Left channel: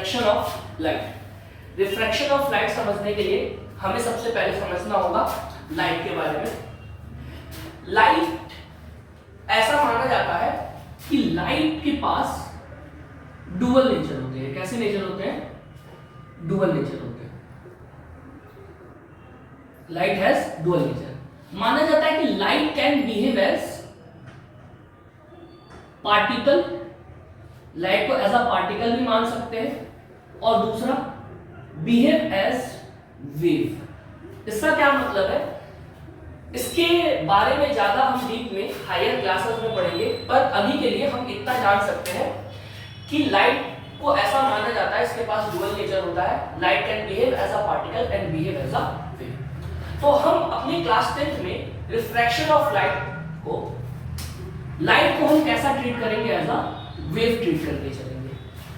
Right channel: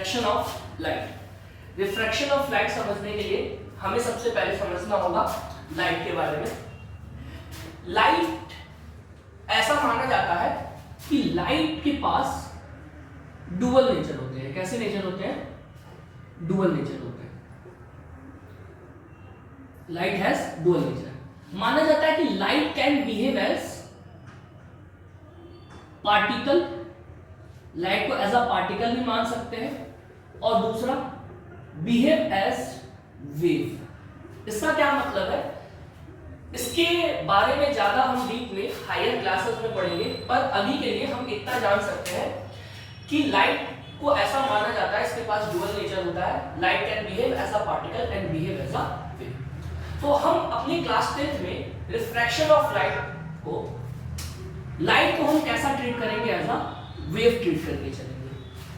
Refraction of light. Refraction of light समझने के लिए हमें सबसे पहले समझना होगा लाइट के बारे में। लाइट ऐसा माना जाता है कि लाइट के पास डुअल नेचर होते हैं। कैसे नेचर होते हैं? डुअल नेचर होते हैं। Light has dual nature. माना जाता है कि light can behave as particle, light को एज अ पार्टिकल भी मान सकते हैं, और दूसरा बिहेव एज वेव। इसका क्या मतलब है? इसके बारे में ज्यादा हम डीप में हायर क्लासेस में पढ़ेंगे, पर अभी के लिए हम इतना जान सकते हैं कि लाइट को ऐसा माना जाता है, इसके पास डुअल नेचर होता है। Light can behave as a particle and behave as a wave. तो हम अपनी क्लास 10th में रिफ्रैक्शन ऑफ लाइट को हम कैसा ट्रीट करेंगे? एज अ वेव ट्रीट करके चलेंगे।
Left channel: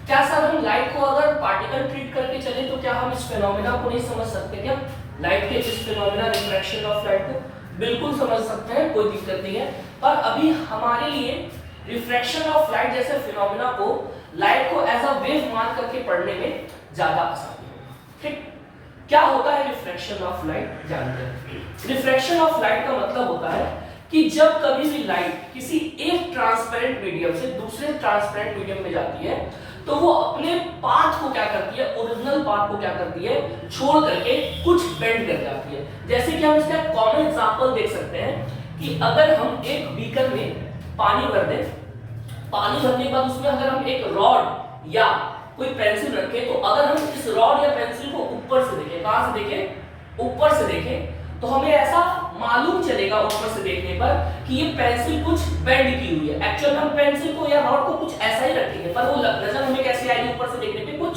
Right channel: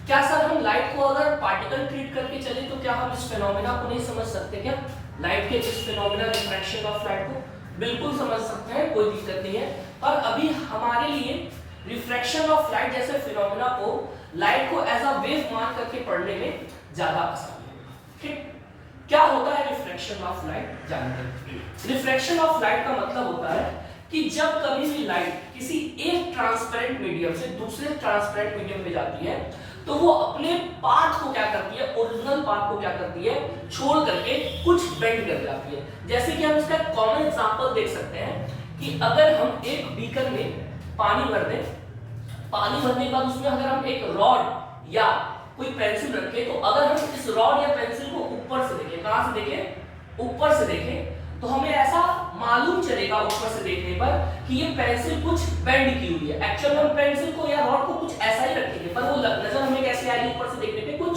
क्या सर हम लाइट को अगर पार्टिकल ट्रीट करके चले तो क्या हम इस फिनोमेना को नहीं समझ सकते? क्या लाइट के इस फिनोमेना रिफ्रैक्शन ऑफ लाइट को बिल्कुल समझ सकते हैं, कोई दिक्कत नहीं है। पर अभी हमारे लिए रिफ्रैक्शन ऑफ लाइट जैसे फिनोमेना को लाइट को एज अ वेव मान करके पढ़ने में ज्यादा आसानी होगा। ठीक, क्या होता है रिफ्रैक्शन ऑफ लाइट जानते हैं। रिफ्रैक्शन ऑफ लाइट का मतलब होता है कि जब कभी भी लाइट किसी एक ट्रांसपेरेंट मीडियम से दूसरे ट्रांसपेरेंट मीडियम में जाती है तो वो अपने पाथ को क्या करती है, ओरिजिनल पाथ को क्या करती है, छोड़ करके कुछ बेंड कर जाती है। जैसे कि हम इसका कॉमन एग्जांपल देख सकते हैं कि अगर हम एक बीकर में पानी भर दें, पानी भरने के बाद उसमें अगर हम एक रॉड या कोई पेंसिल रखें, तो अगर हम इस रॉड या पेंसिल को ऊपर से देखें, कहां से देखें? ऊपर से देखें, तो हमें ऐसा मालूम चलेगा ऊपर से देखने पर कि ये पेंसिल कुछ बेंड की हुई है। एक्चुअल हम पेंसिल को या रॉड को कुछ ऐसा ही रखेंगे, पर वो नजर हमें कैसे आएगी? ऊपर से देखने पे कुछ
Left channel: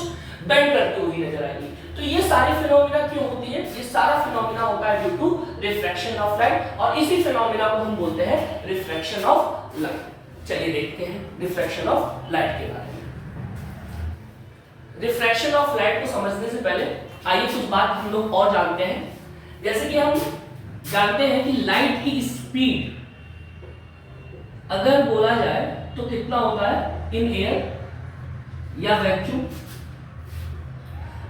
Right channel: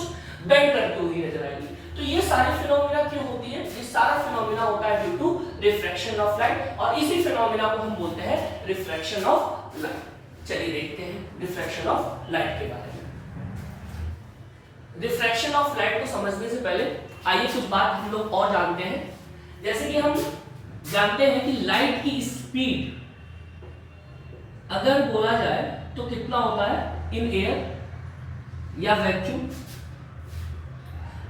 बेंड करती हुई नजर आएगी। तो ये सारी फिनोमेना क्यों होती है? ये सारा फिनोमेना होता है due to refraction of light, और इसी फिनोमेना को हम बोलते हैं रिफ्रैक्शन ऑफ लाइट। चलिए देखते हैं रिफ्रैक्शन ऑफ लाइट के बारे में। रिफ्रैक्शन ऑफ लाइट को समझने से पहले आइए कुछ बात हम लोग और जानते हैं। जैसे कि हम जानते हैं कि लाइट की स्पीड अगर बोला जाए तो कितना होता है इन एयर या वैक्यूम?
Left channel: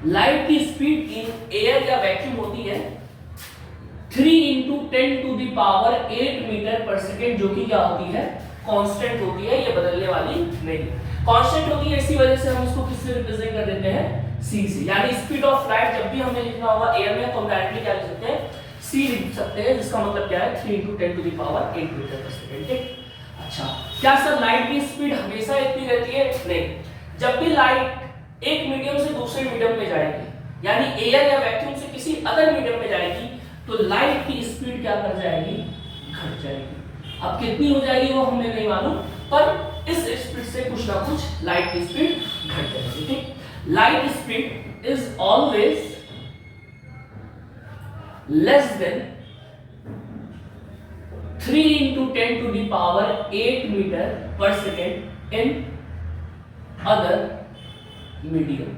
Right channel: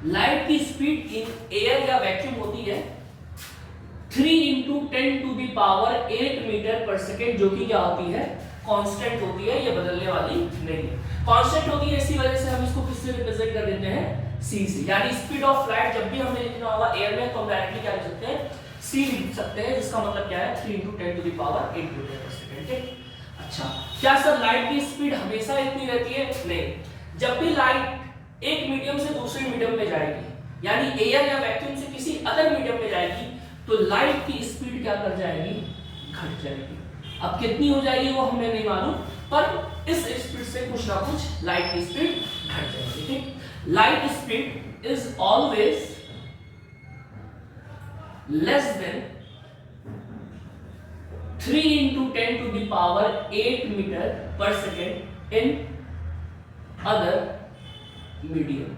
लाइट की स्पीड इन एयर या वैक्यूम होती है 3 × 10⁸ मीटर पर सेकेंड, जो कि क्या होती है? कांस्टेंट होती है, ये बदलने वाली नहीं। कांस्टेंट होती है, इसी वजह से हम इसको किससे रिप्रेजेंट कर देते हैं? c से। यानी स्पीड ऑफ लाइट जब भी हमें लिखना होगा एयर में तो हम डायरेक्टली क्या लिख सकते हैं? c लिख सकते हैं, जिसका मतलब क्या है? 3 × 10⁸ मीटर पर सेकेंड। ठीक, अच्छा, क्या सर लाइट की स्पीड हमेशा इतनी रहती है? नहीं। जब भी लाइट एक मीडियम से दूसरे मीडियम में जाएगी, यानी एयर या वैक्यूम से किसी अदर मीडियम में जाएगी, तो लाइट की स्पीड क्या कर जाएगी? घट जाएगी। अब कितनी हो जाएगी वो हमें नहीं मालूम, पर इस स्पीड से कुछ ना कुछ लाइट की स्पीड घट जाएगी। ठीक, light speed is always less than 3 × 10⁸ metre पर second in other medium,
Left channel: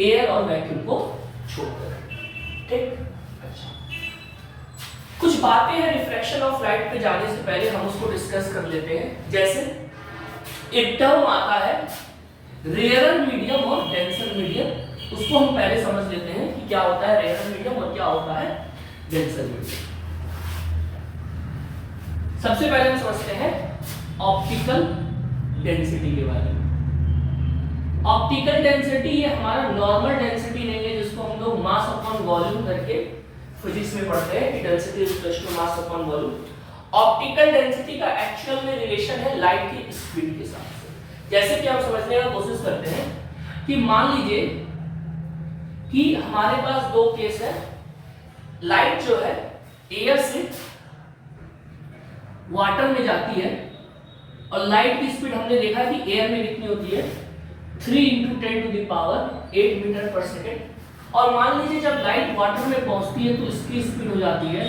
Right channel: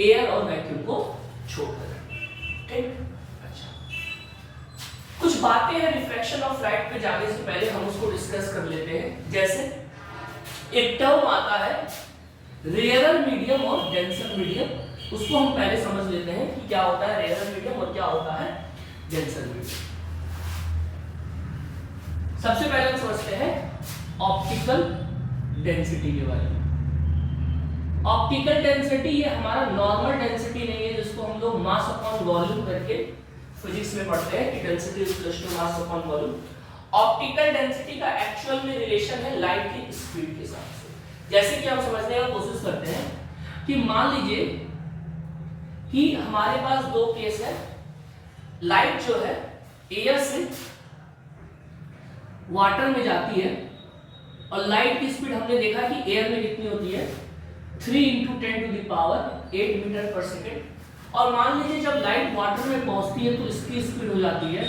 air और वैक्यूम को छोड़कर। ठीक, अच्छा, कुछ बातें हैं रिफ्रैक्शन ऑफ लाइट पे जाने से पहले हम उसको डिस्कस कर लेते हैं। जैसे एक टर्म आता है रेयरर मीडियम और डेंसर मीडियम, उसको हम पहले समझ लेते हैं कि क्या होता है रेयरर मीडियम और क्या होता है डेंसर मीडियम। सबसे पहले हम समझते हैं ऑप्टिकल डेंसिटी के बारे में। ऑप्टिकल डेंसिटी ये हमारा नॉर्मल डेंसिटी नहीं है, जिसको हम लोग मास अपॉन वॉल्यूम करके फिजिक्स में पढ़ते हैं कि density is equal to mass upon volume. Optical density का एक्चुअल में रिलेशन है लाइट की स्पीड के साथ से। जैसे कि हम समझने की कोशिश करते हैं कि मान लीजिए कि हमारे पास दो केस है। लाइट जो है एयर से वाटर में जाती है, और लाइट की स्पीड हमने देखा कि एयर में कितनी होती है? 3 × 10⁸ मीटर पर सेकेंड। और मान लीजिए जब लाइट वाटर में पहुंचती है तो इसकी स्पीड हो जाती है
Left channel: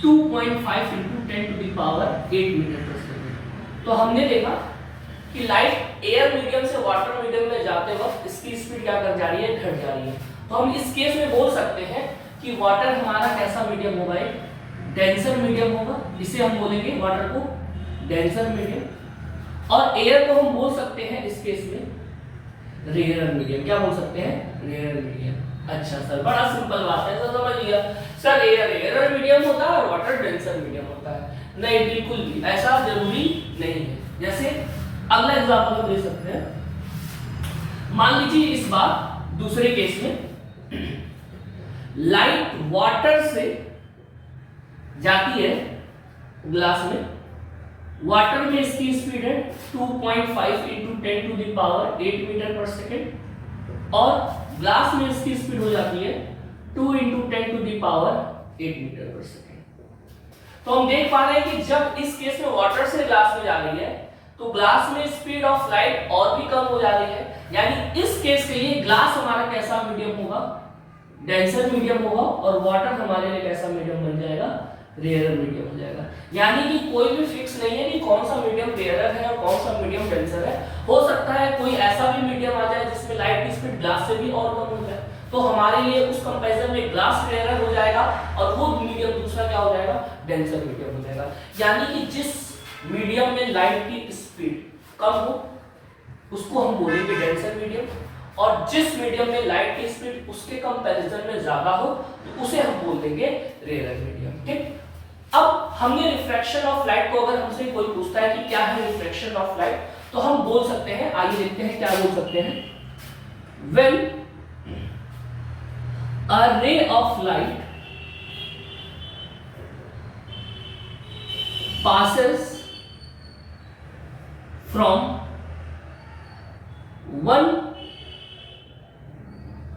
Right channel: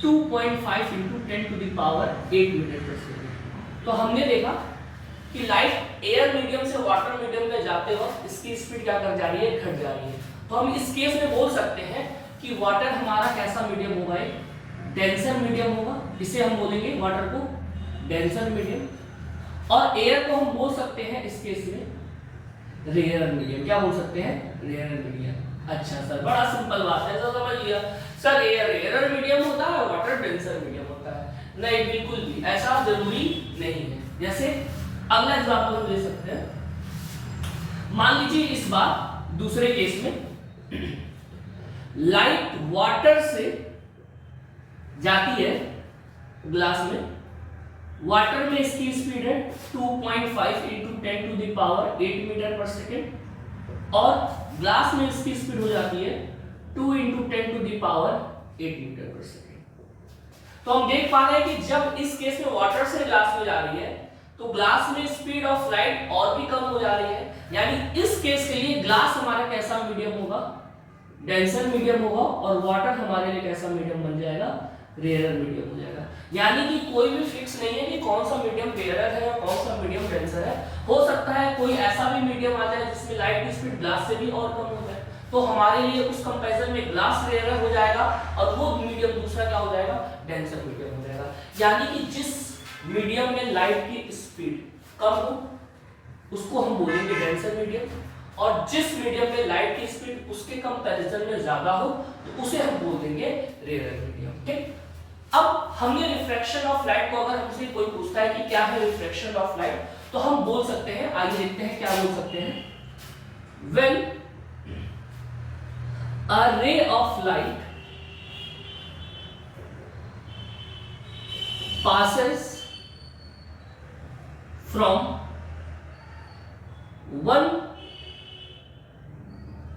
2.5 × 10⁸ मीटर पर सेकेंड। तो हमने देखा कि लाइट एयर मीडियम से वाटर मीडियम में जाते वक्त इसकी स्पीड क्या कर जा रही है? घट जा रही है। तो हम इस केस में बोल सकते हैं कि वाटर हमारा कैसा मीडियम होगा? एक डेंसर मीडियम होगा, इसे हम बोलेंगे वाटर को डेंसर मीडियम। और एयर को हम बोल सकते हैं इस केस में रेयर मीडियम। क्या बोल सकते हैं? Rare medium. अच्छा सर, बड़ा सिंपल बात है, तो समझ लिया सर। एयर रेयर मीडियम होता है, वाटर डेंसर मीडियम होता है। नहीं, बिल्कुल भी ऐसा जरूरी नहीं है। जैसे अगला एग्जांपल हम ले सकते हैं। मान लीजिए इस बार दूसरे केस में लाइट वाटर से जाती है ग्लास में। वाटर में इसकी स्पीड है 2.5 into 10 to the power 8 metre पर सेकेंड, और ग्लास में इसकी स्पीड हो जाती है 2 into 10 to the power 8 metre पर सेकेंड। तो हम देख पा रहे हैं कि जब इस केस में वाटर से ग्लास में जा रही है तो ग्लास में स्पीड ऑफ लाइट और भी कम हो जा रही है। यानी इस केस के लिए ग्लास हमारा कैसा मीडियम होगा? डेंसर मीडियम होगा, और वाटर हमारे लिए कैसा मीडियम बन जाएगा? रेयर मीडियम हो जाएगा। यानी कि कोई भी फिक्स नहीं है कि कौन सा मीडियम रेयर है और कौन सा मीडियम डेंसर है। हो सकता है कोई ऐसा भी मीडियम आ जाए जिसमें लाइट की स्पीड ग्लास से भी और कम हो जाए, तो हमारे लिए उस कंपैरिजन में ग्लास रेयर हो जाएगा और वो मीडियम दूसरा क्या हो जाएगा? डेंसर मीडियम हो जाएगा। यानी कि जिस मीडियम में लाइट की स्पीड कम हो उसको हम बोलेंगे डेंसर मीडियम, और जिस मीडियम में लाइट की स्पीड उसके कंपैरिजन में ज्यादा हो तो उसे हम बोल देंगे रेयर मीडियम। ठीक। अब हमने रिफ्रैक्शन ऑफ लाइट को, अगर हमसे कोई पूछता है कि क्या है रिफ्रैक्शन ऑफ लाइट, तो हम बोल सकते हैं, आइए देखते हैं क्या बोल सकते हैं। When a ray of light passes from one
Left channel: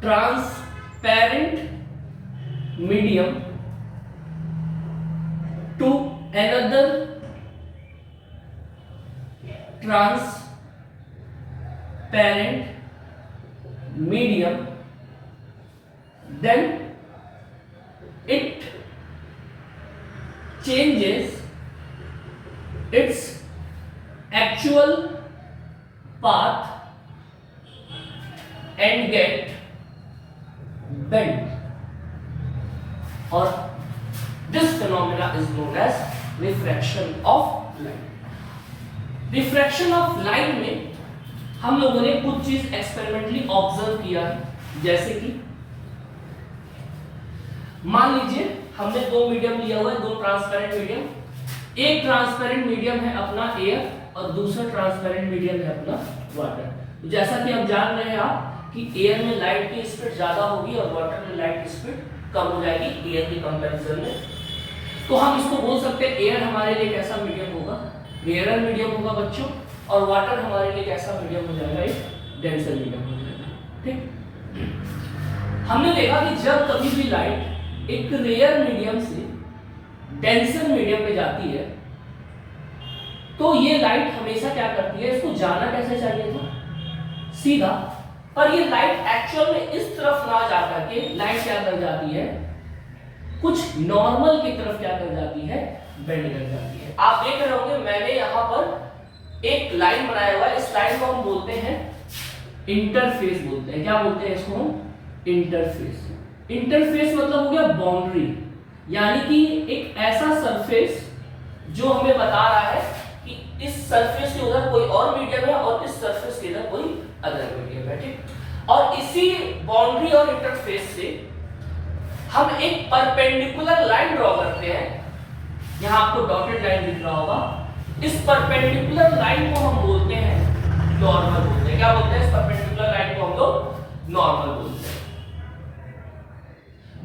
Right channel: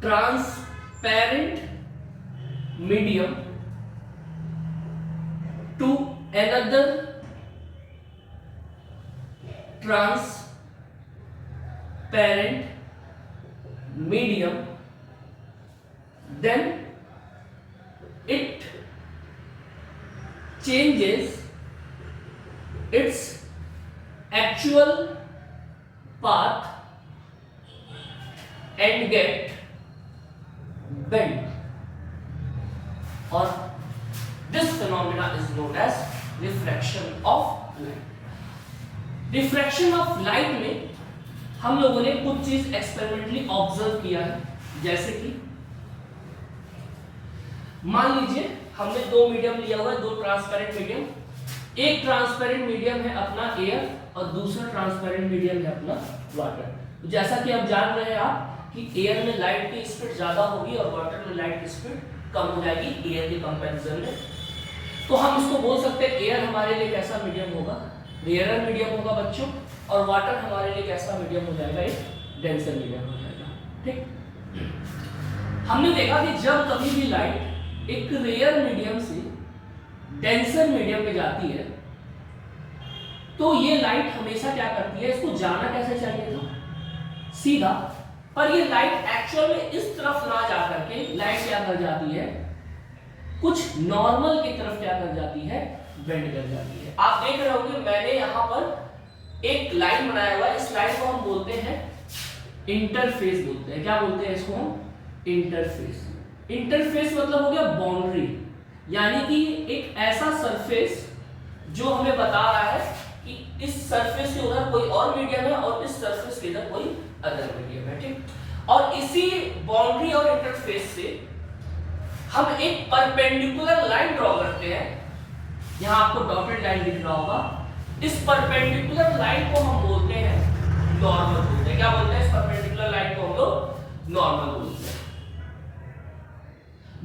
transparent medium to another transparent medium, then it changes its actual path and get bent, or this phenomena is known as refraction of light। Refraction of light में हम लोगों ने कुछ चीज experimentally observe किया है। जैसे कि मान लीजिए हमने दो मीडियम लिया हुआ है, दो ट्रांसपेरेंट मीडियम। एक ट्रांसपेरेंट मीडियम है अपना एयर और दूसरा ट्रांसपेरेंट मीडियम है अपना वाटर। तो जैसा कि अब जान रहे हैं आप कि एयर में लाइट की स्पीड ज्यादा होगी और वाटर में लाइट की स्पीड कम हो जाएगी एयर के कंपैरिजन में। तो हम इसको बोल सकते हैं एयर हमारे लिए कैसा मीडियम होगा? रेयर मीडियम होगा बच्चों, और वाटर हमारे लिए कैसा मीडियम हो जाएगा? एक डेंसर मीडियम हो जाएगा। ठीक। हमने देखा कि जब कभी भी लाइट एक रेयर मीडियम से डेंसर मीडियम में जाती है तो ये लाइट हमेशा क्या करती है? इसको जाना कैसे चाहिए था? सीधा। पर ये लाइट एक्चुअल में इस तरफ ना जा करके लाइट क्या कर जाती है? कुछ नॉर्मल की तरफ क्या कर जाती है? बेंड कर जाती है। आप देख रहे होंगे मैंने यहां पर एक लाइन बनाया हुआ है। इस लाइन को हम बोलते हैं इंटरफेस बोलते हैं। क्या बोलते हैं इसको हम? इंटरफेस। इंटरफेस मतलब हो गया बाउंड्री, यानी कि एक ऐसा सरफेस जो हमें बता रहा है कि इस सरफेस के उधर कोई और मीडियम है और इस सरफेस के इधर कोई अदर मीडियम है। ठीक। और इसी बाउंड्री और इंटरफेस से हम एक परपेंडिकुलर लाइन ड्रॉ करते हैं। यहां आपको डॉटेड लाइन दिख रहा होगा। इस परपेंडिकुलर लाइन को हम बोलते हैं नॉर्मल बोलते हैं। क्या बोलते हैं? इस परपेंडिकुलर लाइन को हम लोग नॉर्मल बोलते हैं।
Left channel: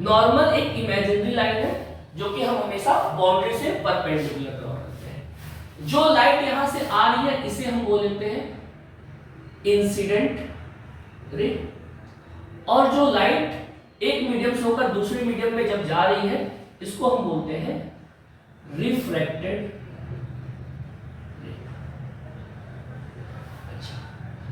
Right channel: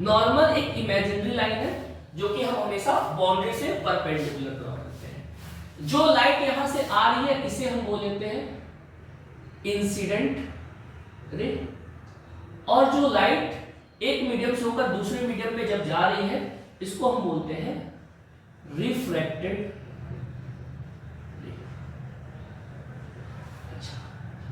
नॉर्मल एक इमेजिनरी लाइन है जो कि हम हमेशा बाउंड्री से परपेंडिकुलर ड्रॉ करते हैं। जो लाइट यहां से आ रही है इसे हम बोल देते हैं इंसिडेंट रे, और जो लाइट एक मीडियम से होकर दूसरे मीडियम में जब जा रही है इसको हम बोलते हैं रिफ्रैक्टेड रे। अच्छा,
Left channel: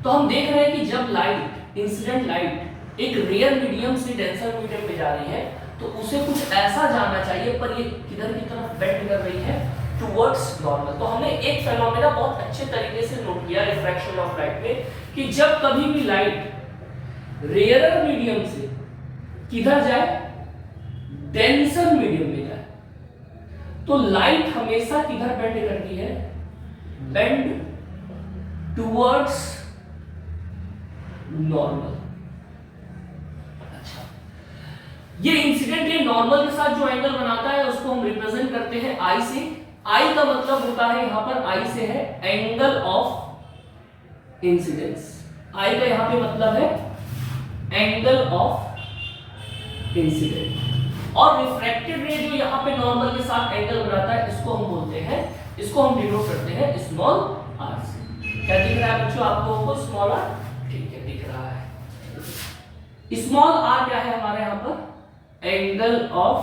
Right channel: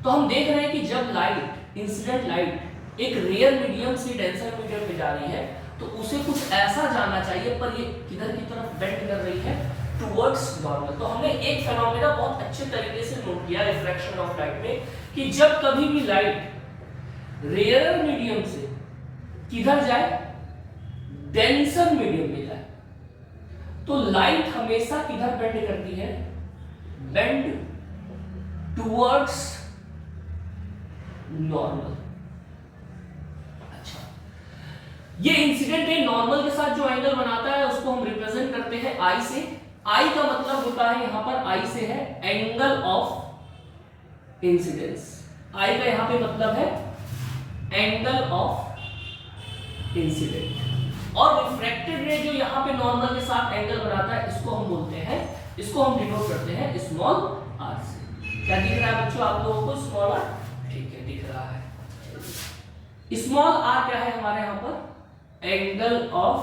तो हम देख रहे हैं कि जब लाइट, इंसिडेंट लाइट एक रेयर मीडियम से डेंसर मीडियम में जा रही है तो उसे कुछ ऐसा जाना चाहिए, पर ये किधर की तरफ बेंड कर रही है? Towards normal. तो हमने एक फेनोमेना बहुत अच्छे तरीके से नोट किया रिफ्रैक्शन ऑफ लाइट में कि जब कभी भी लाइट रेयर मीडियम से किधर जाए? डेंसर मीडियम में जाए, तो लाइट हमेशा किधर बेंड करती है? Bend towards normal. अच्छा, ये इंसिडेंट रे नॉर्मल के साथ जो एंगल बनाता है उसको हम रिप्रेजेंट करते हैं आई से। आई का मतलब होता है यहां पर, आई से है एंगल ऑफ इंसिडेंस। आई का यहां पे मतलब है एंगल ऑफ इंसिडेंट। और रिफ्रैक्टेड रे जो यहां पे नॉर्मल के साथ एंगल बनाता है इसको हम बोलते हैं, इसको हम डिनोट करते हैं स्मॉल आर से। क्या दिख रहा है बच्चों आप लोगों को? स्मॉल आर, ठीक है दिख रहा है। स्मॉल आर क्या है हमारे यहां पर? एंगल ऑफ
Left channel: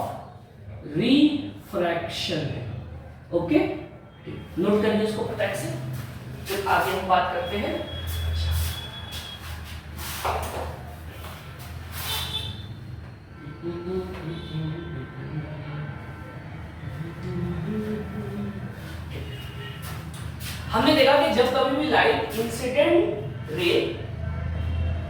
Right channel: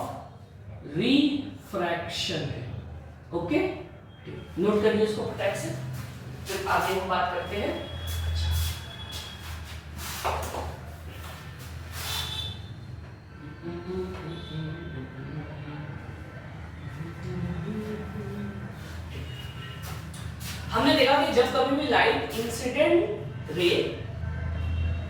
रिफ्रैक्शन है। ओके, नोट करिए इसको फटाक से, फिर आगे हम बात करते हैं। हमने देखा कि जब कभी भी लाइट इंसिडेंट रे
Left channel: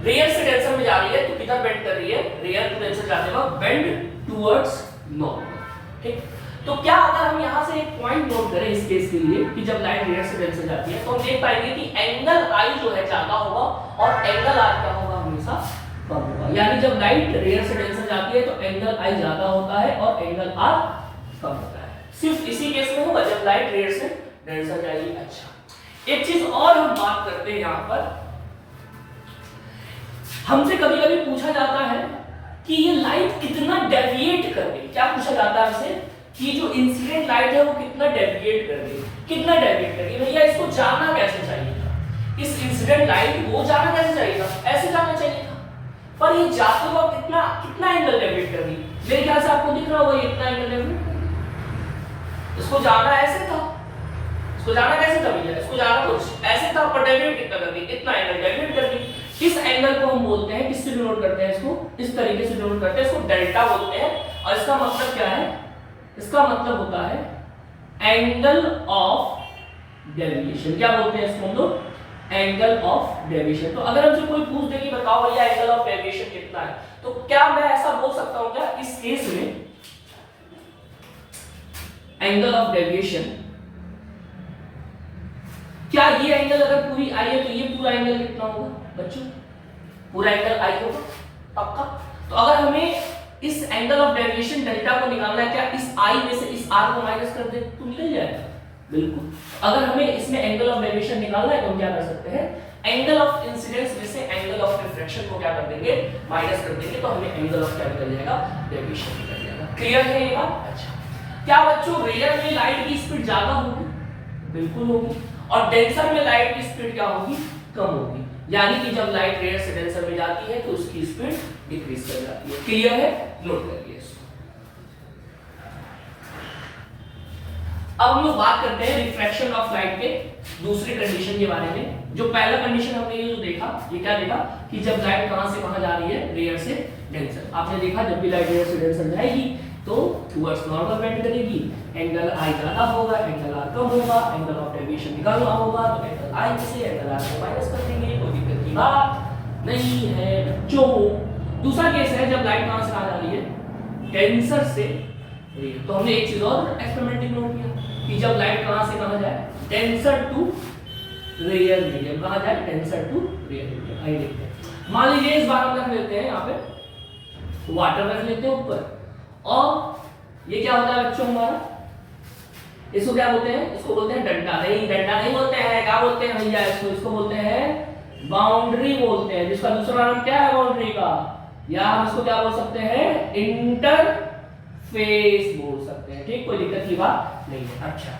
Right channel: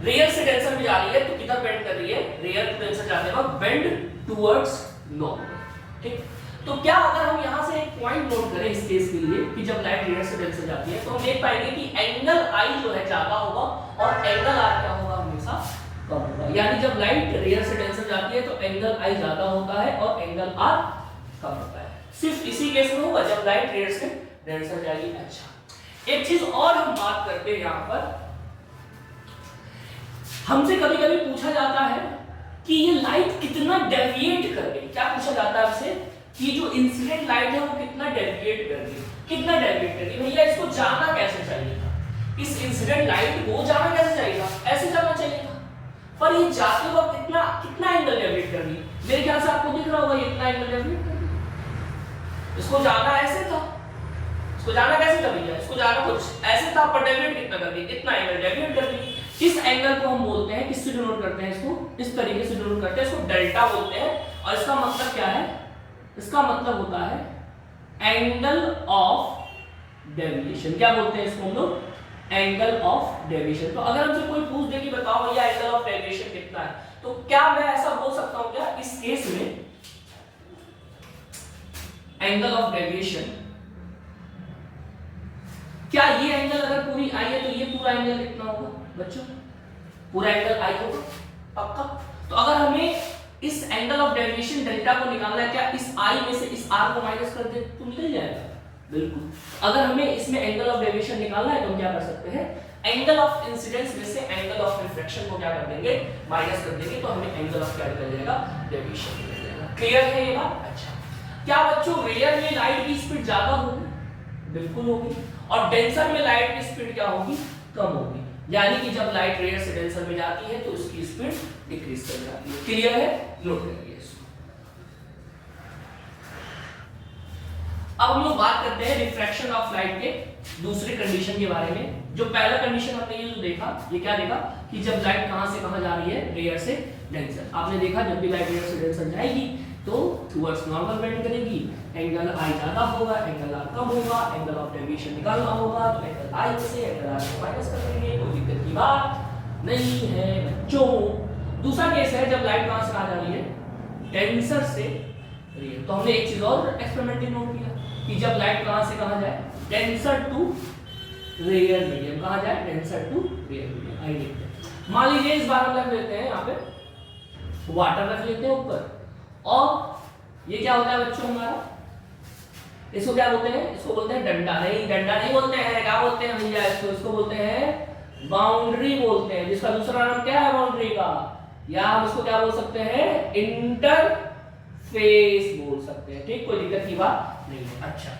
रेयर से डेंसर में जा रही है तो किधर बेंड कर रही है? रेयर टू डेंसर जाते वक्त बेंड टुवर्ड्स नॉर्मल। ठीक, तो क्या अगर हम यहां से एक पॉइंट नोट करें इस केस के लिए कि जब लाइट रेयर से डेंसर जाती है तो हम देख पाएंगे कि एंगल आई जो है ज्यादा होगा और एंगल आर क्या होगा? हमेशा कम होगा। यानी जब लाइट रेयर से डेंसर जाती है तो एंगल आई ज्यादा होता है और एंगल आर कम होता है। सिर्फ इसी केस में होगा जब लाइट रेयर से डेंसर जाएगी। अच्छा, एक चीज और हम बात करते हैं यहां पर, हमसे कभी कभी पूछा जाता है कि ये लाइट कितना डेविएट कर गई। क्या पूछा जाता है हमसे? कि जो इंसिडेंट लाइट है वो कितना डेविएट कर गई, कितना डेविएट कर गई। भैया इसको जाना कैसे चाहिए था? इस इंसिडेंट लाइट को जाना कैसे चाहिए था? ऐसे जाना चाहिए था, पर ये जाते वक्त कितना कितना एंगल डेविएट कर गई। मेरे ख्याल से आपको दिख रहा होगा ये कितना एंगल डेविएट कर गई। इसको जाना ऐसे था, इसको जाना कैसे था भैया? इसको जाना कुछ ऐसे था, पर डेविएट कितना कर दी? इतना एंगल डेविएट कर दी। इस एंगल को हम बोलते हैं, किससे डिनोट करते हैं इसको? इस तरीके से डिनोट करते हैं, इसको डेल्टा बोलते हैं। और इसका मतलब क्या है? इसका मतलब होता है एंगल ऑफ डेविएशन। क्या बोलते हैं इसको हम लोग? Angle of deviation. तो अगर हमसे कोई पूछ दे कि बताओ भैया एंगल ऑफ डेविएशन कितना है, तो क्या मैं ऐसा बोल सकता हूं क्या इस केस में एंगल ऑफ डेविएशन, क्या ये एंगल अगर पूरी आई है तो ये पूरा एंगल कितना होगा बच्चों? पूरा एंगल आई होगा पक्का। तो अगर हमें इस एंगल ऑफ डेविएशन डेल्टा को निकालना है, क्या इस आई में से इस आर को माइनस कर दे तो निकल जाएगा? बिल्कुल। अगर हमें इसमें एंगल ऑफ डेविएशन निकालना है तो हम क्या कर सकते हैं? एंगल ऑफ इंसिडेंस में से एंगल ऑफ रिफ्रैक्शन को क्या कर देंगे? माइनस कर देंगे, तो हमें एंगल ऑफ क्या निकल जाएगा? डेविएशन निकल जाएगा। क्लियर है ये बात? अच्छा, क्या बच्चों रेयर में लाइट की स्पीड ज्यादा होगी? बिल्कुल होगी। और डेंसर में लाइट की स्पीड क्या होगी? कम होगी। यानी कि जब लाइट रेयर से डेंसर में जाती है तो उसकी स्पीड डिक्रीज कर जाती है। क्लियर है? नोट करिए इसको। अब हम लोग बात करते हैं रिफ्रैक्शन ऑफ लाइट के दूसरी कंडीशन के बारे में। जो पहला कंडीशन हमने ये जो देखा, ये क्या देखा कि जब लाइट कहां से कहां जा रही है? रेयर से डेंसर। आपने देखा जब भी लाइट रेयर से डेंसर जाएगी तो टुवर्ड्स नॉर्मल बेंड करेगी, एंगल आई ज्यादा होगा, एंगल आर कम होगा, एंगल ऑफ डेविएशन निकालना होगा तो एंगल आई से एंगल आर को माइनस कर देंगे, कोई दिक्कत की बात नहीं है बच्चों। दूसरा केस है जब लाइट कहां से आ जा रही है? डेंसर से रेयर। तो हमने एक चीज और एक्सपेरिमेंट नोट किया कि जब लाइट कहां से कहां जाए? Denser to rare medium. कहां जाए? Denser to rare medium. आई देखते हैं, मान लीजिए इस बार हम रख लेते हैं यहाँ पे वाटर रख लेते हैं ऊपर, और ये क्या होता है बच्चों हमारा? इसको क्या बोलते हैं? इसको बोलते हैं डंडा। नहीं, डंडा नहीं बोलते हैं, क्या बोलते हैं भैया इसको? इसको बोलते हैं बाउंड्री बोलते हैं, जिसका दूसरा नाम क्या है बाउंड्री का? या हम इसको क्या बोल सकते हैं? इंटरफेस बोल सकते हैं। ठीक, कोई दिक्कत की बात नहीं है। अच्छा,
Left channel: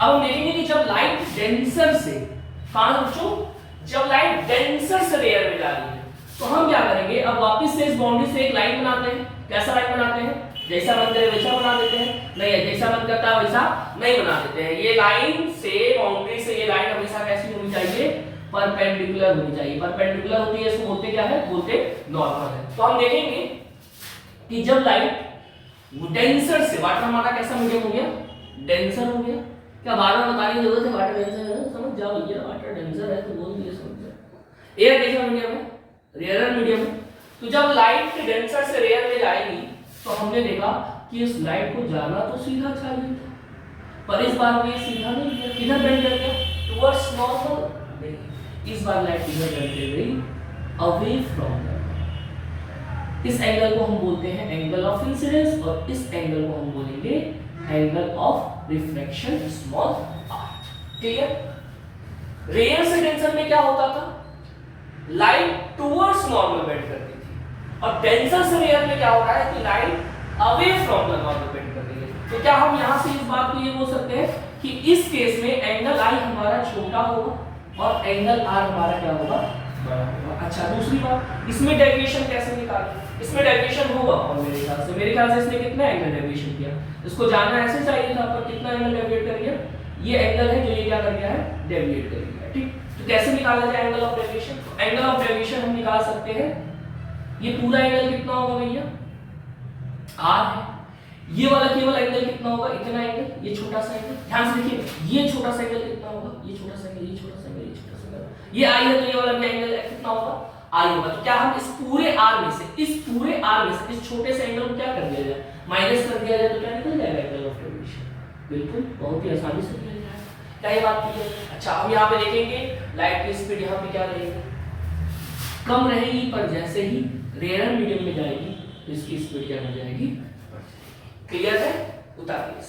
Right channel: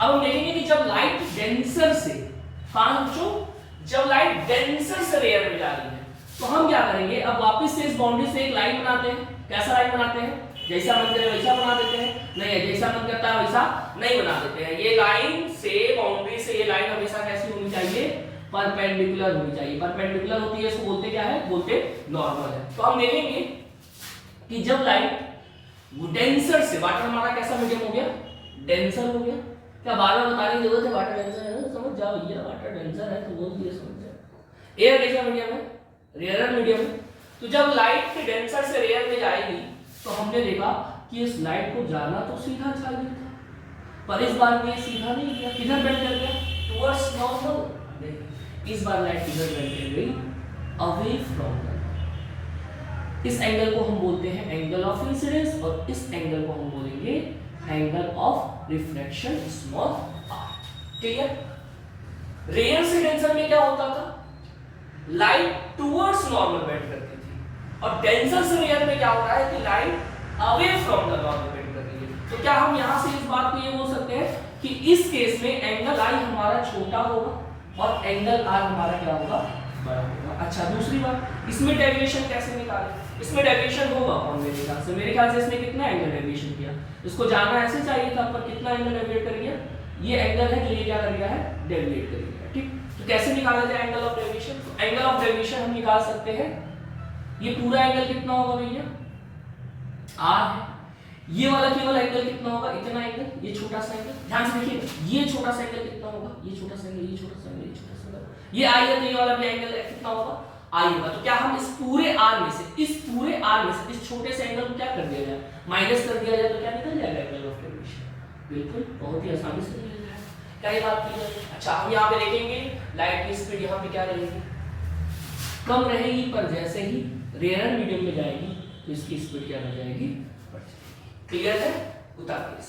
अब हम देखेंगे कि जब लाइट डेंसर से कहां बच्चों? जब लाइट डेंसर से रेयर में जा रही है तो हम क्या करेंगे? अब वापस से इस बाउंड्री से एक लाइन बनाते हैं। कैसा लाइन बनाते हैं? जैसा मन करे वैसा बना देते हैं? नहीं, जैसा मन करता है वैसा नहीं बना देते हैं। ये लाइन से बाउंड्री से ये लाइन हमेशा कैसी होनी चाहिए? परपेंडिकुलर होनी चाहिए। परपेंडिकुलर होती है, इसको बोलते क्या है? बोलते नॉर्मल है। तो हम देखेंगे कि जब लाइट डेंसर से, वाटर हमारा कैसा मीडियम हो गया? डेंसर हो गया। क्या बार बार बताने की जरूरत है? वाटर डेंसर है, समझ जाओ भैया, वाटर डेंसर है तो बोल दिए, समझ जाओ। एयर कैसा मीडियम है? रेयर मीडियम है। तो जब लाइट डेंसर से रेयर में जाएगी तो हमने देखा कि इस लाइट को जाना तो सीधा चाहिए था, पर इस बार में सीधा नहीं गया। किधर बेंड कर गया? Towards normal. इस बार लाइट किधर बेंड कर गई? अवे फ्रॉम द, इस एंगल को हम बोलते हैं एंगल ऑफ इंसिडेंस और इस एंगल को हम बोलेंगे angle of reflection small r। Clear? Rare से डेंसर में क्या होता था, लाइट टुवर्ड्स नॉर्मल बेंड करती थी, और डेंसर से रेयर में क्या हो रहा है कि light away from the normal bend कर रही है। तो क्या हम यहां से इस बात को ये बोल सकते हैं कि इस केस में एंगल आई हमारा छोटा होगा और एंगल आर हमारा क्या होगा, बड़ा होगा। अच्छा, दूसरी बात, इसमें डेविएशन कैसे निकालें? इसमें डेविएशन होगा और मेरे ख्याल से इसने कितना एंगल डेविएशन किया, इसको जानना ऐसे चाहिए था, पर कितना एंगल डेविएट कर गया, ये एंगल है जो ये क्या कर गया है, डेविएट कर गया। ठीक, तो कैसे निकाला जाए एंगल ऑफ डेविएशन? तो एंगल ऑफ डेविएशन हम निकाल सकते हैं, ये पूरा एंगल कितना होगा भैया, आर है, ये वाला केवल एंगल कितना होगा, इतना एंगल, ये छोटा सा एंगल, ध्यान से देखिए, ये छोटा सा एंगल कितना होगा, ये छोटा सा एंगल, ये छोटा सा एंगल, ये छोटा सा एंगल, ये आई है तो ये वाला भी एंगल कितना होगा, आई होगा। तो क्या हम इस पूरे आर में से, इस छोटे से एंगल को क्या कर दिया जाए, माइनस कर दिया जाए, तो क्या निकल जाएगा एंगल ऑफ डेविएशन, बिल्कुल बहुत ही आसानी से निकल जाएगा। क्या ये बात क्लियर है? अच्छा, हम यहाँ पे देखेंगे लाइट की स्पीड यहाँ पे क्या रहेगी, कम रहेगी, पर जैसे ही रेयर मीडियम में जाएगी तो इसकी स्पीड क्या हो जाएगी, क्लियर है? उतारिए।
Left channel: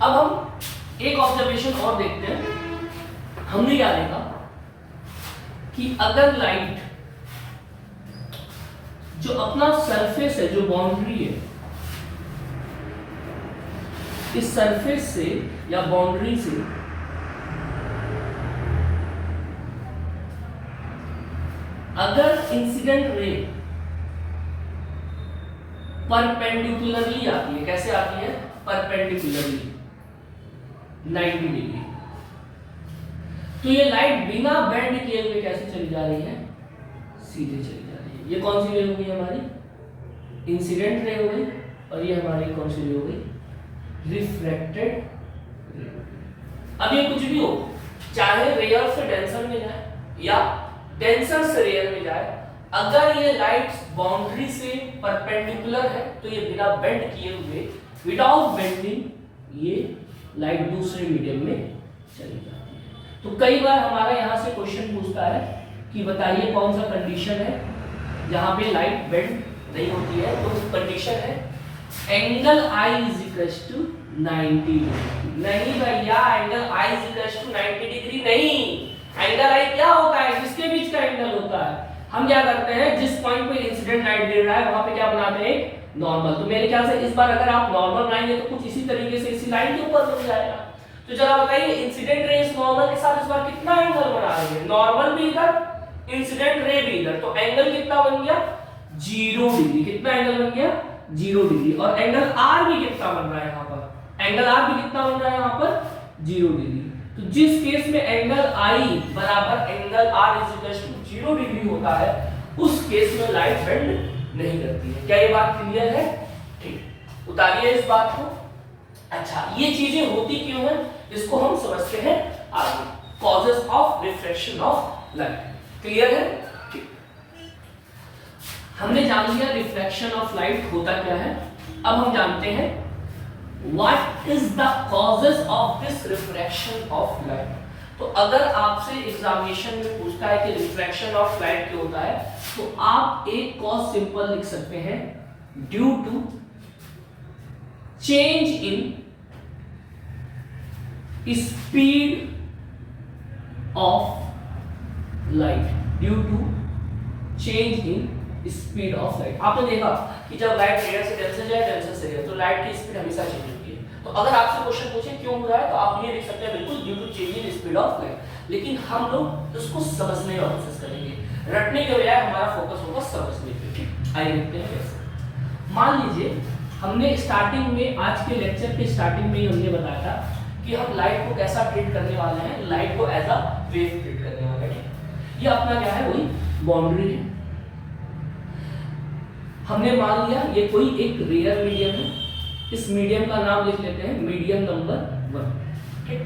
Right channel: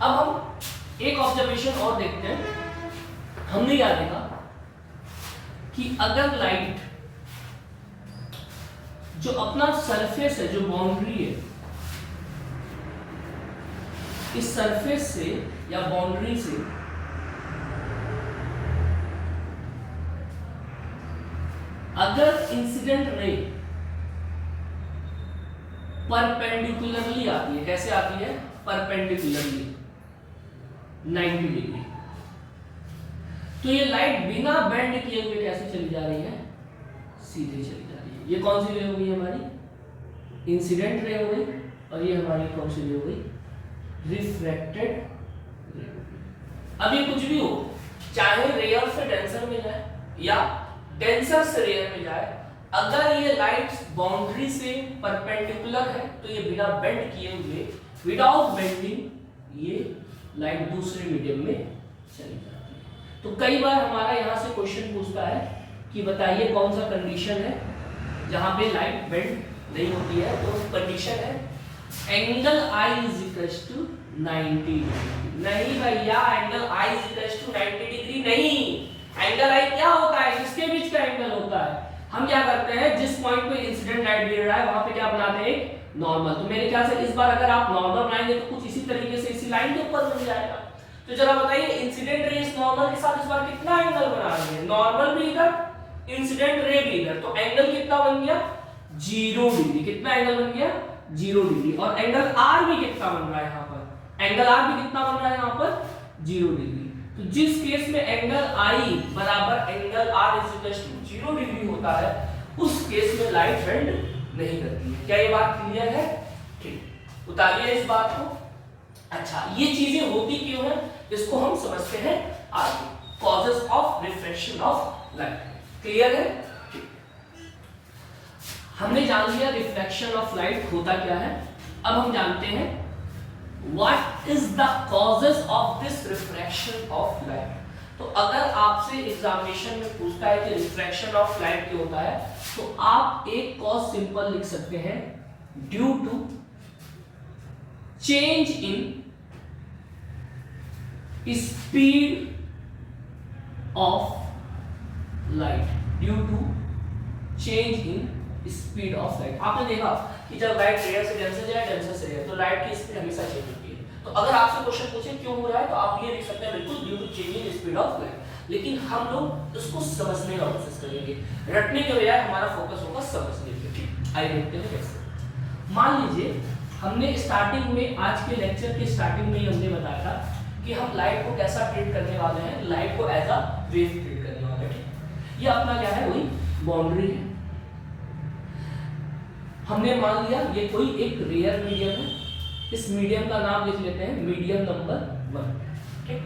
अब हम एक ऑब्जर्वेशन और देखते हैं। हमने क्या देखा कि अगर लाइट जो अपना सरफेस है, जो बाउंड्री है, इस सरफेस से या बाउंड्री से अगर इंसिडेंट रे परपेंडिकुलरली आती है, कैसे आती है, परपेंडिकुलरली 90 डिग्री, तो ये लाइट बिना बेंड किए हुए कैसे चली जा रही है, सीधे चली जा रही है। ये कौन सी रे हो गई हमारी, इंसिडेंट रे हो गई, और ये हमारी कौन सी रे हो गई, रिफ्रैक्टेड रे। अब ये कुछ भी हो, चाहे रेयर से डेंसर में जाए या डेंसर से रेयर में जाए, अगर ये लाइट बाउंड्री से परपेंडिकुलर है तो ये बिना बेंड किए हुए, विदाउट बेंडिंग, ये लाइट दूसरे मीडियम में चली जाती है। तो कई बार हमारा यहाँ से क्वेश्चन पूछता है कि बताइए कौन सा कंडीशन है जहाँ पे लाइट बेंड नहीं होती है, तो कंडीशन है angle I is equal to 90 degree. नहीं भैया, angle I is equal to 90 degree नहीं, एंगल आई क्या होता है, किसके बीच का एंगल होता है। हम क्या करते हैं, जिस पॉइंट पे इंसिडेंट लाइट गिर रहा है वहां पे क्या बनाते हैं, नॉर्मल। तो मेरे ख्याल से इस बार अगर आप नॉर्मल बनाएंगे तो कुछ इसी तरीके से इसी लाइन के ऊपर बन जाएगा। तो जरा बताइए, इंसिडेंट रे इस नॉर्मल के साथ इस बार कितना एंगल बना रहे हैं, नॉर्मल भी इधर, इंसिडेंट रे भी इधर, तो एंगल कितना बन गया, 0 डिग्री। कितना एंगल बन गया, 0 डिग्री। और एंगल आर भी कितना बन रहा है यहाँ पर, एंगल आर भी कितना बन रहा है यहाँ पर, 0 डिग्री। तो जिस केस में एंगल आई बराबर angle R is equal to 0 degree होता है, उस केस में लाइट बेंड नहीं करती है। क्या ये बात क्लियर है? ठीक, उतारिए इस बात को। अच्छा, ये चीजें होती क्यों है, इसको हम समझते हैं आगे, causes of refraction of light. Clear है? ठीक, हमने जान लिया रिफ्रैक्शन ऑफ लाइट होता क्या है। अब हम जानते हैं What is the causes of this refraction of light? तो अगर आपसे एग्जामिनेशन में पूछता है कि रिफ्रैक्शन ऑफ लाइट क्यों होता है, तो आप एक कॉज सिंपल लिख सकते हैं, due to change in speed of light, due to change in speed of light. आपने देखा कि जब लाइट रेयर से डेंसर जाए, डेंसर से रेयर, तो लाइट की स्पीड हमेशा चेंज होती है। तो अगर आपसे क्वेश्चन पूछे क्यों हो रहा है, तो आप ये लिख सकते हैं बिल्कुल due to change in speed of light. लेकिन हम लोग उसको समझने का कोशिश करेंगे, रटने के बजाय हमारा फोकस होगा समझने पे। आइए देखते हैं कैसे। मान लीजिए हमने स्टार्टिंग में, आज के लेक्चर के स्टार्टिंग में ही हमने बताया था कि हम लाइट को कैसा ट्रीट करने वाले हैं, लाइट को एज अ वेव ट्रीट करने वाले हैं। ये अपना क्या है, वही बाउंड्री है। हमने मान लिया ये कोई एक रेयर मीडियम है, इस मीडियम का नाम लिख लेते हैं मीडियम नंबर 1। ठीक,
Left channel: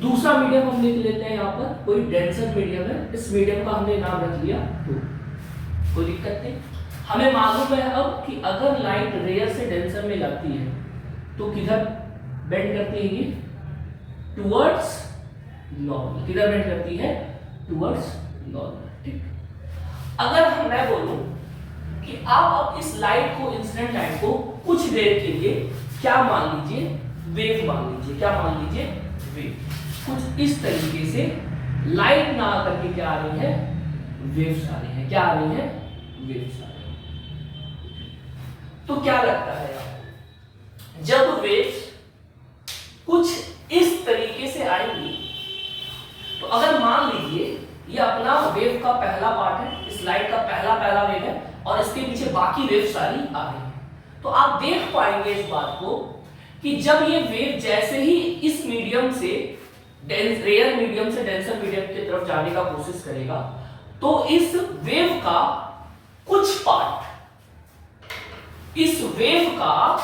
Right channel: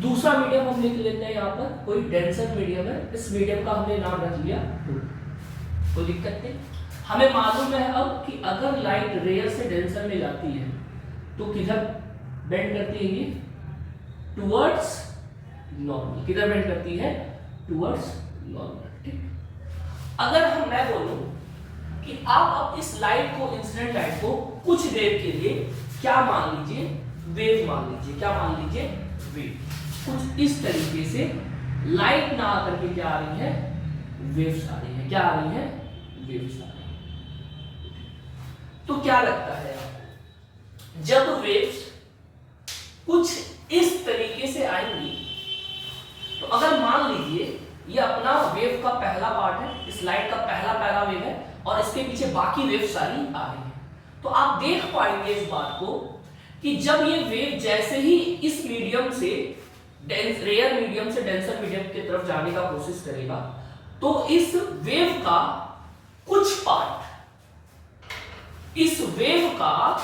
दूसरा मीडियम हम लिख लेते हैं यहाँ पर कोई डेंसर मीडियम है, इस मीडियम का हमने नाम रख लिया 2। कोई दिक्कत नहीं। हमें मालूम है अब कि अगर लाइट रेयर से डेंसर में जाती है तो किधर बेंड करती है, ये टुवर्ड्स नॉर्मल, किधर बेंड करती है, टुवर्ड्स नॉर्मल, ठीक। अगर मैं बोलूं कि आप अब इस लाइट को, इंसिडेंट लाइट को कुछ देर के लिए क्या मान लीजिए, वेव मान लीजिए, क्या मान लीजिए, वेव। कुछ इस तरीके से लाइट ना आकर के क्या आ रही है, वेव्स आ रही है, क्या आ रही है, वेव्स आ रही है। तो क्या लगता है जब वेव्स कुछ इस तरीके से आएंगी, तो अगर मान लीजिए ये अपना वेव का पहला पार्ट है, इस लाइट का पहला वेव है और इसके पीछे बाकी वेव सारी आ रही है, तो आप देख पाएंगे इस बात को कि जब ये वेव जैसे ही इस मीडियम से रेयर मीडियम से डेंसर मीडियम की तरफ जाने का कोशिश करेगा, तो इस वेव का कुछ पार्ट, इस वेव का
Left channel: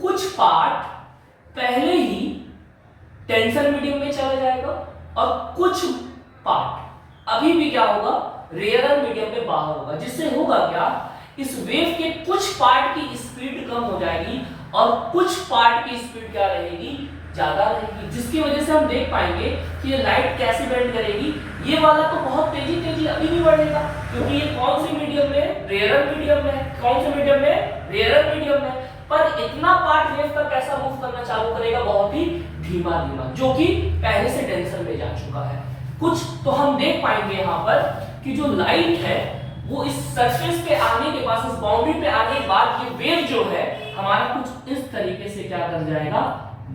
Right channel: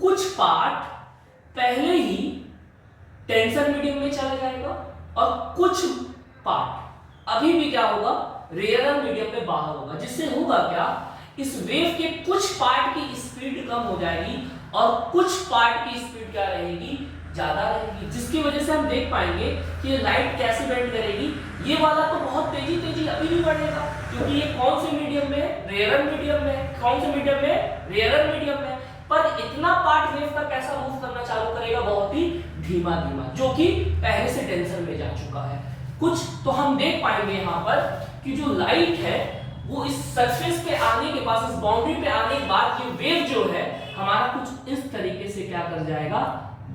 कुछ पार्ट पहले ही टेंसर मीडियम में चला जाएगा और कुछ पार्ट अभी भी क्या होगा, रेयर मीडियम में बाहर होगा, जिससे होगा क्या, इस वेव के कुछ पार्ट की स्पीड कम हो जाएगी और कुछ पार्ट की स्पीड क्या रहेगी, ज्यादा रहेगी, जिसकी वजह से हम देख पाएंगे कि ये लाइट कैसे बेंड करेगी। ये वाला तो बहुत तेजी अभी भी बढ़ेगा, क्योंकि ये कौन सी मीडियम में, रेयर मीडियम में, कौन से मीडियम में, रेयर मीडियम में, पर इतना पार्ट वेव का कैसा मूव करना चालू करेगा, बहुत ही धीमा, जो कि पहले से डेंसर में जा चुका है। कुछ तो हम देख पाएंगे यहाँ पर कि जो लाइट है वो इस सरफेस पे आने के पास, इस बाउंड्री पे आने के बाद ये वेव जो है हमारा कुछ इस तरीके से क्या कर जाएगा,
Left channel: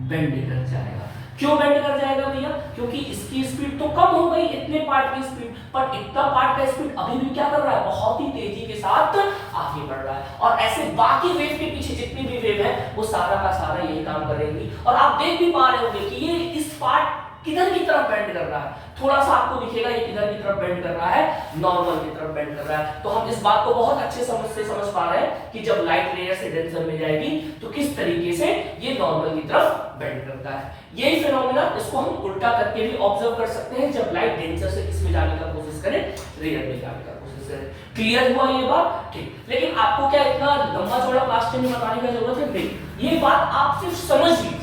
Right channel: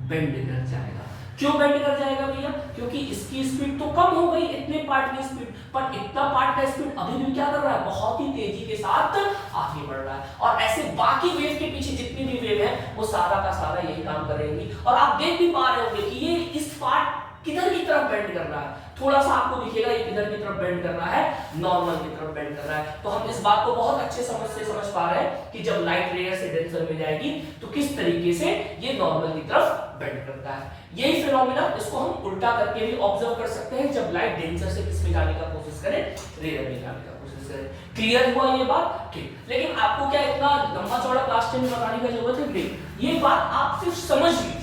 बेंड कर जाएगा। क्यों बेंड कर जाएगा भैया, क्योंकि इसकी स्पीड तो कम हो गई, इतने पार्ट की स्पीड, पर इतना पार्ट का स्पीड अभी भी क्या कर रहा है, बहुत ही तेजी के साथ आगे बढ़ रहा है। और ऐसे बाकी वेव के पीछे जितनी भी वेव है वो सारा का सारा यही काम करेंगी। और आप देख भी पा रहे होंगे कि ये इस पार्ट किधर की तरफ बेंड कर रहा है, थोड़ा सा आपको दिखेगा ये किधर की तरफ बेंड कर रहा है, नॉर्मल की तरफ बेंड कर रहा है। तो हम इस बात को बहुत अच्छे समझ पा रहे हैं कि जब लाइट रेयर से डेंसर में जाएगी तो किस तरीके से ये नॉर्मल की तरफ बेंड करता है। यही फिनोमेना, इसको हम उल्टा करके भी ऑब्जर्व कर सकते हैं, जब लाइट डेंसर से किस में जाने का कोशिश करे, रेयर में जाने का कोशिश करे। क्लियर हुआ ये बात, ठीक। लेकिन आपको क्या इतना लंबा चौड़ा क्लास 10 में बताने की जरूरत है, नहीं, ये बात आप सिर्फ समझ लीजिए,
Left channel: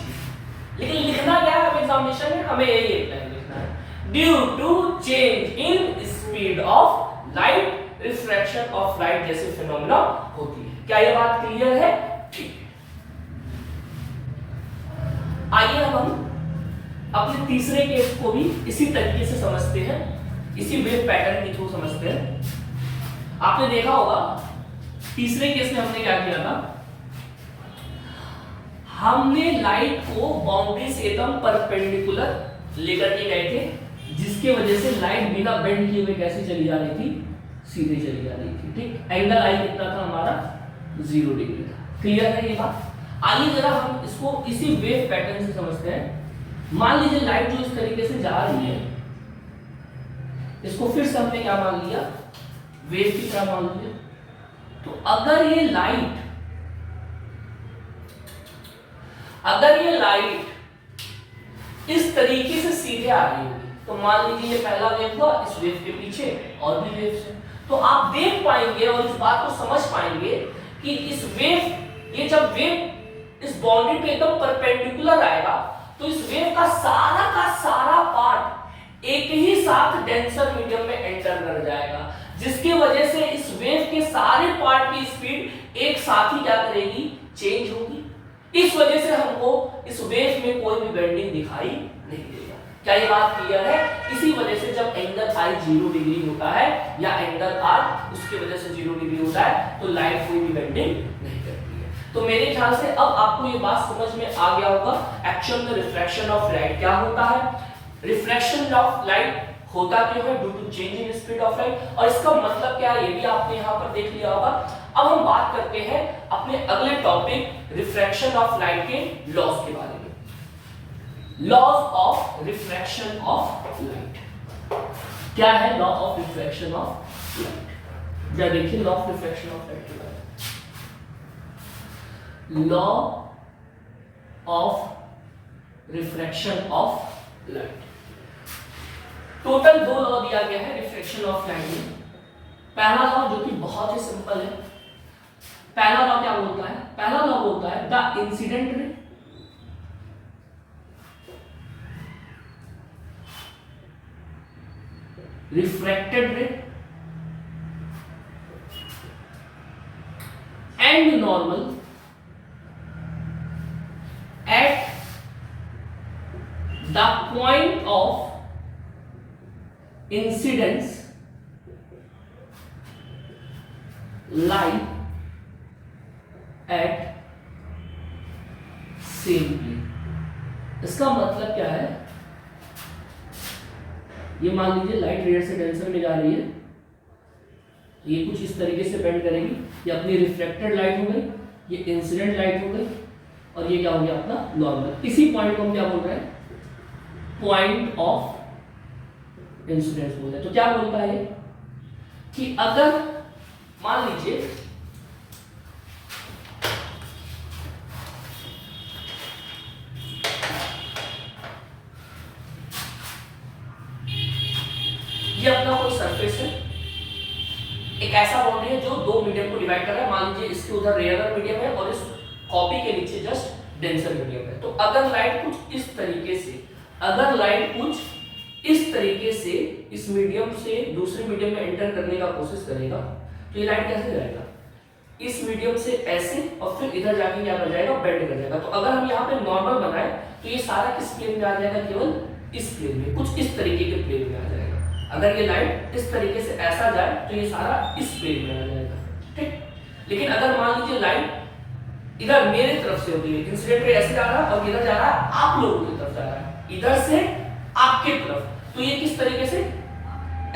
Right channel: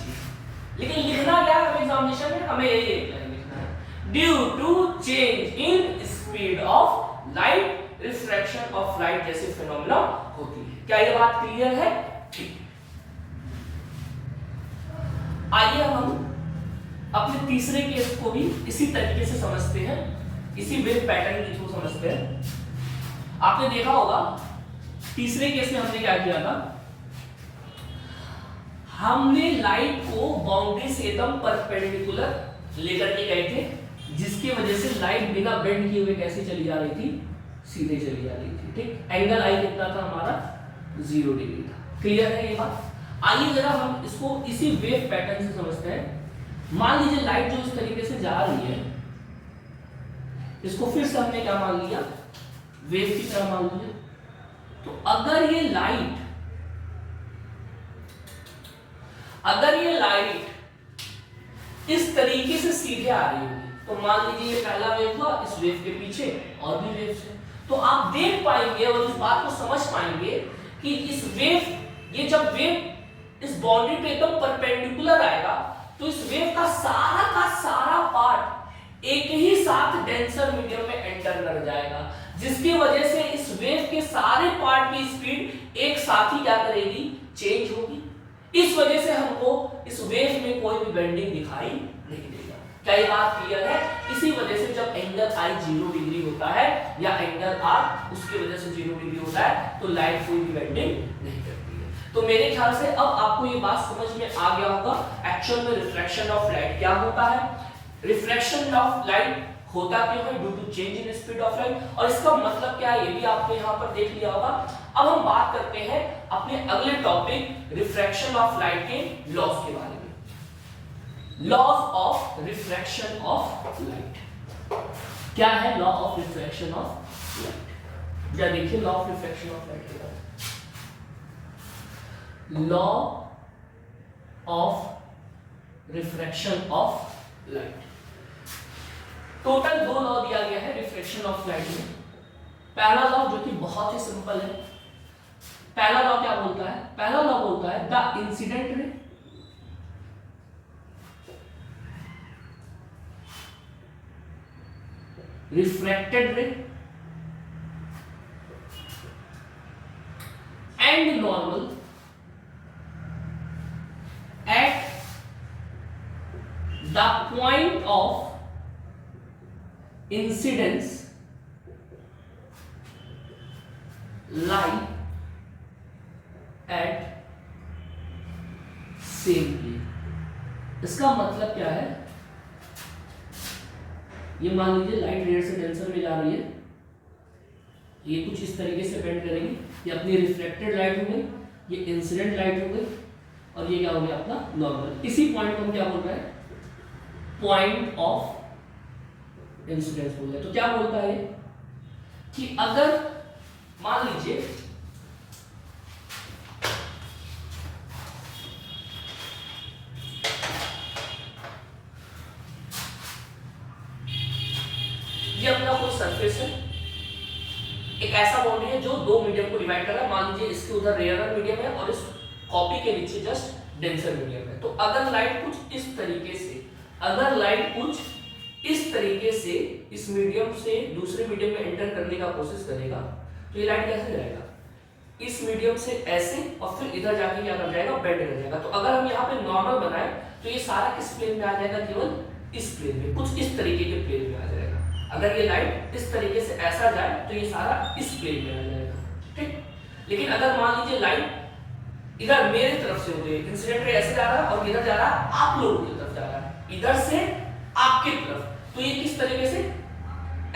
लेकिन लिखना क्या है एग्जामिनेशन में, हमें यही लिखना है, due to change in speed of light, refraction of light जैसे फिनोमेना होती है। क्या ये बात क्लियर है, ठीक। आइए हम अपने तीसरे केस को भी इसी तरीके से समझते हैं, इसी वेव पैटर्न के थ्रू समझते हैं। आपने देखा होगा तीसरे केस में हमने क्या किया था, हमने लाइट को बाउंड्री से एकदम परपेंडिकुलर लेकर के गए थे, जिसके वजह से लाइट बिना बेंड किए हुए कैसे चली जा रही थी, सीधे चली जा रही थी, ठीक। एंगल आई कितना था हमारा, 0 डिग्री था। क्लियर है ये बात। आइए जरा हम इसको इसी वेव पैटर्न से समझते हैं। मान लीजिए लाइट जो इस तरीके से जा रही है, इसको फिर से हमने क्या मान लिया, वेव की तरह मान लिया। तो अगर ये लाइट इस तरीके से सीधे आ रही होगी, तो मान लीजिए ये पहला वेव हुआ, इस वेव के पीछे और भी वेव्स हैं, तो आप देख पाएंगे और इस बात को समझ पाएंगे कि इस वेव, ये जब वेव इस बाउंड्री पे एकदम परपेंडिकुलर आएगा, तो इस वेव का सारा पार्ट एक ही साथ डेंसर मीडियम में एंटर कर जाएगा, जिसकी वजह से इस वेव के सारे पार्ट की स्पीड एक साथ ही क्या करेगी, चेंज होगी। इस वजह से हमको इस वेव में कोई भी बेंडिंग दिखाई नहीं देगा। क्या ये बात क्लियर है? इसी वजह से जब एंगल आई 0 डिग्री होता है या एंगल आर उसकी वजह से 0 डिग्री होता है, तो लाइट कोई भी बेंडिंग नहीं करती है। तो मेरे ख्याल से अब आपको ये बात समझ में आ गया होगा एक्चुअल में रिफ्रैक्शन ऑफ लाइट क्या होता है, रिफ्रैक्शन ऑफ लाइट होता क्यों है, due to change in speed of light, और इसका मतलब क्या है ये भी आपने यहाँ पर देख लिया होगा। अब हम बात करते हैं अपने अगले टॉपिक रिफ्रैक्शन ऑफ लाइट के लॉज के बारे में। Laws of refraction of light क्या है? Law of refraction of light, क्या देखिए law of refraction of light के बारे में। Law of refraction of light, total 2 law दिया गया है रिफ्रैक्शन ऑफ लाइट में। पहला लॉ जो कि बहुत ही सिंपल है, पहला लॉ क्या बोलता है? पहला लॉ बोलता है the incident ray refracted ray and normal at the point of incidence lie at same plane। इसका मतलब क्या है, ये मान लीजिए लाइट रेयर से डेंसर में जा रही है, ये कुछ इस तरीके से बेंड करेगी, ये अपनी रिफ्लेक्टेड लाइट हो गई, ये इंसिडेंट लाइट हो गई, और ये क्या हो गया अपना नॉर्मल। इसी पॉइंट को हम क्या बोल रहे हैं, पॉइंट ऑफ इंसिडेंस बोलते हैं। तो क्या बोलता है कि अगर मान लीजिए ये अपना कोई सरफेस है, एक ऐसा बाउंड्री है जो दो मीडियम को डिवाइड कर रहा है, मान लीजिए इसके उधर रेयरर मीडियम है और इस कॉपी के नीचे जस्ट डेंसर मीडियम है। तो अगर लाइट कुछ इस तरीके से, अगर लाइट कुछ इस तरीके से इस मीडियम से दूसरे मीडियम में एंटर करने का कोशिश करेगा, तो ये लाइट कैसे जाएगा, इस मीडियम से ऐसे और फिर इधर जाके क्या कर जाएगा, बेंड कर जाएगा। तो अगर हम यहाँ पे नॉर्मल बनाए तो ये सारा किस प्लेन में आ जाएगा, केवल इस प्लेन में, कुछ इस तरीके के प्लेन में आ जाएगा। अगर ये लाइट इस तरीके से ऐसा जाए तो ये सारा इस प्लेन में आ जाएगा, ठीक। लेकिन अगर मान लीजिए लाइट इधर मेरी तरफ से होती है, इंसिडेंट रे ऐसे जा रहा है और इधर जा रहा है आप लोगों की तरफ जा रहा है, इधर से आपकी तरफ, तो ये किस तरीके से,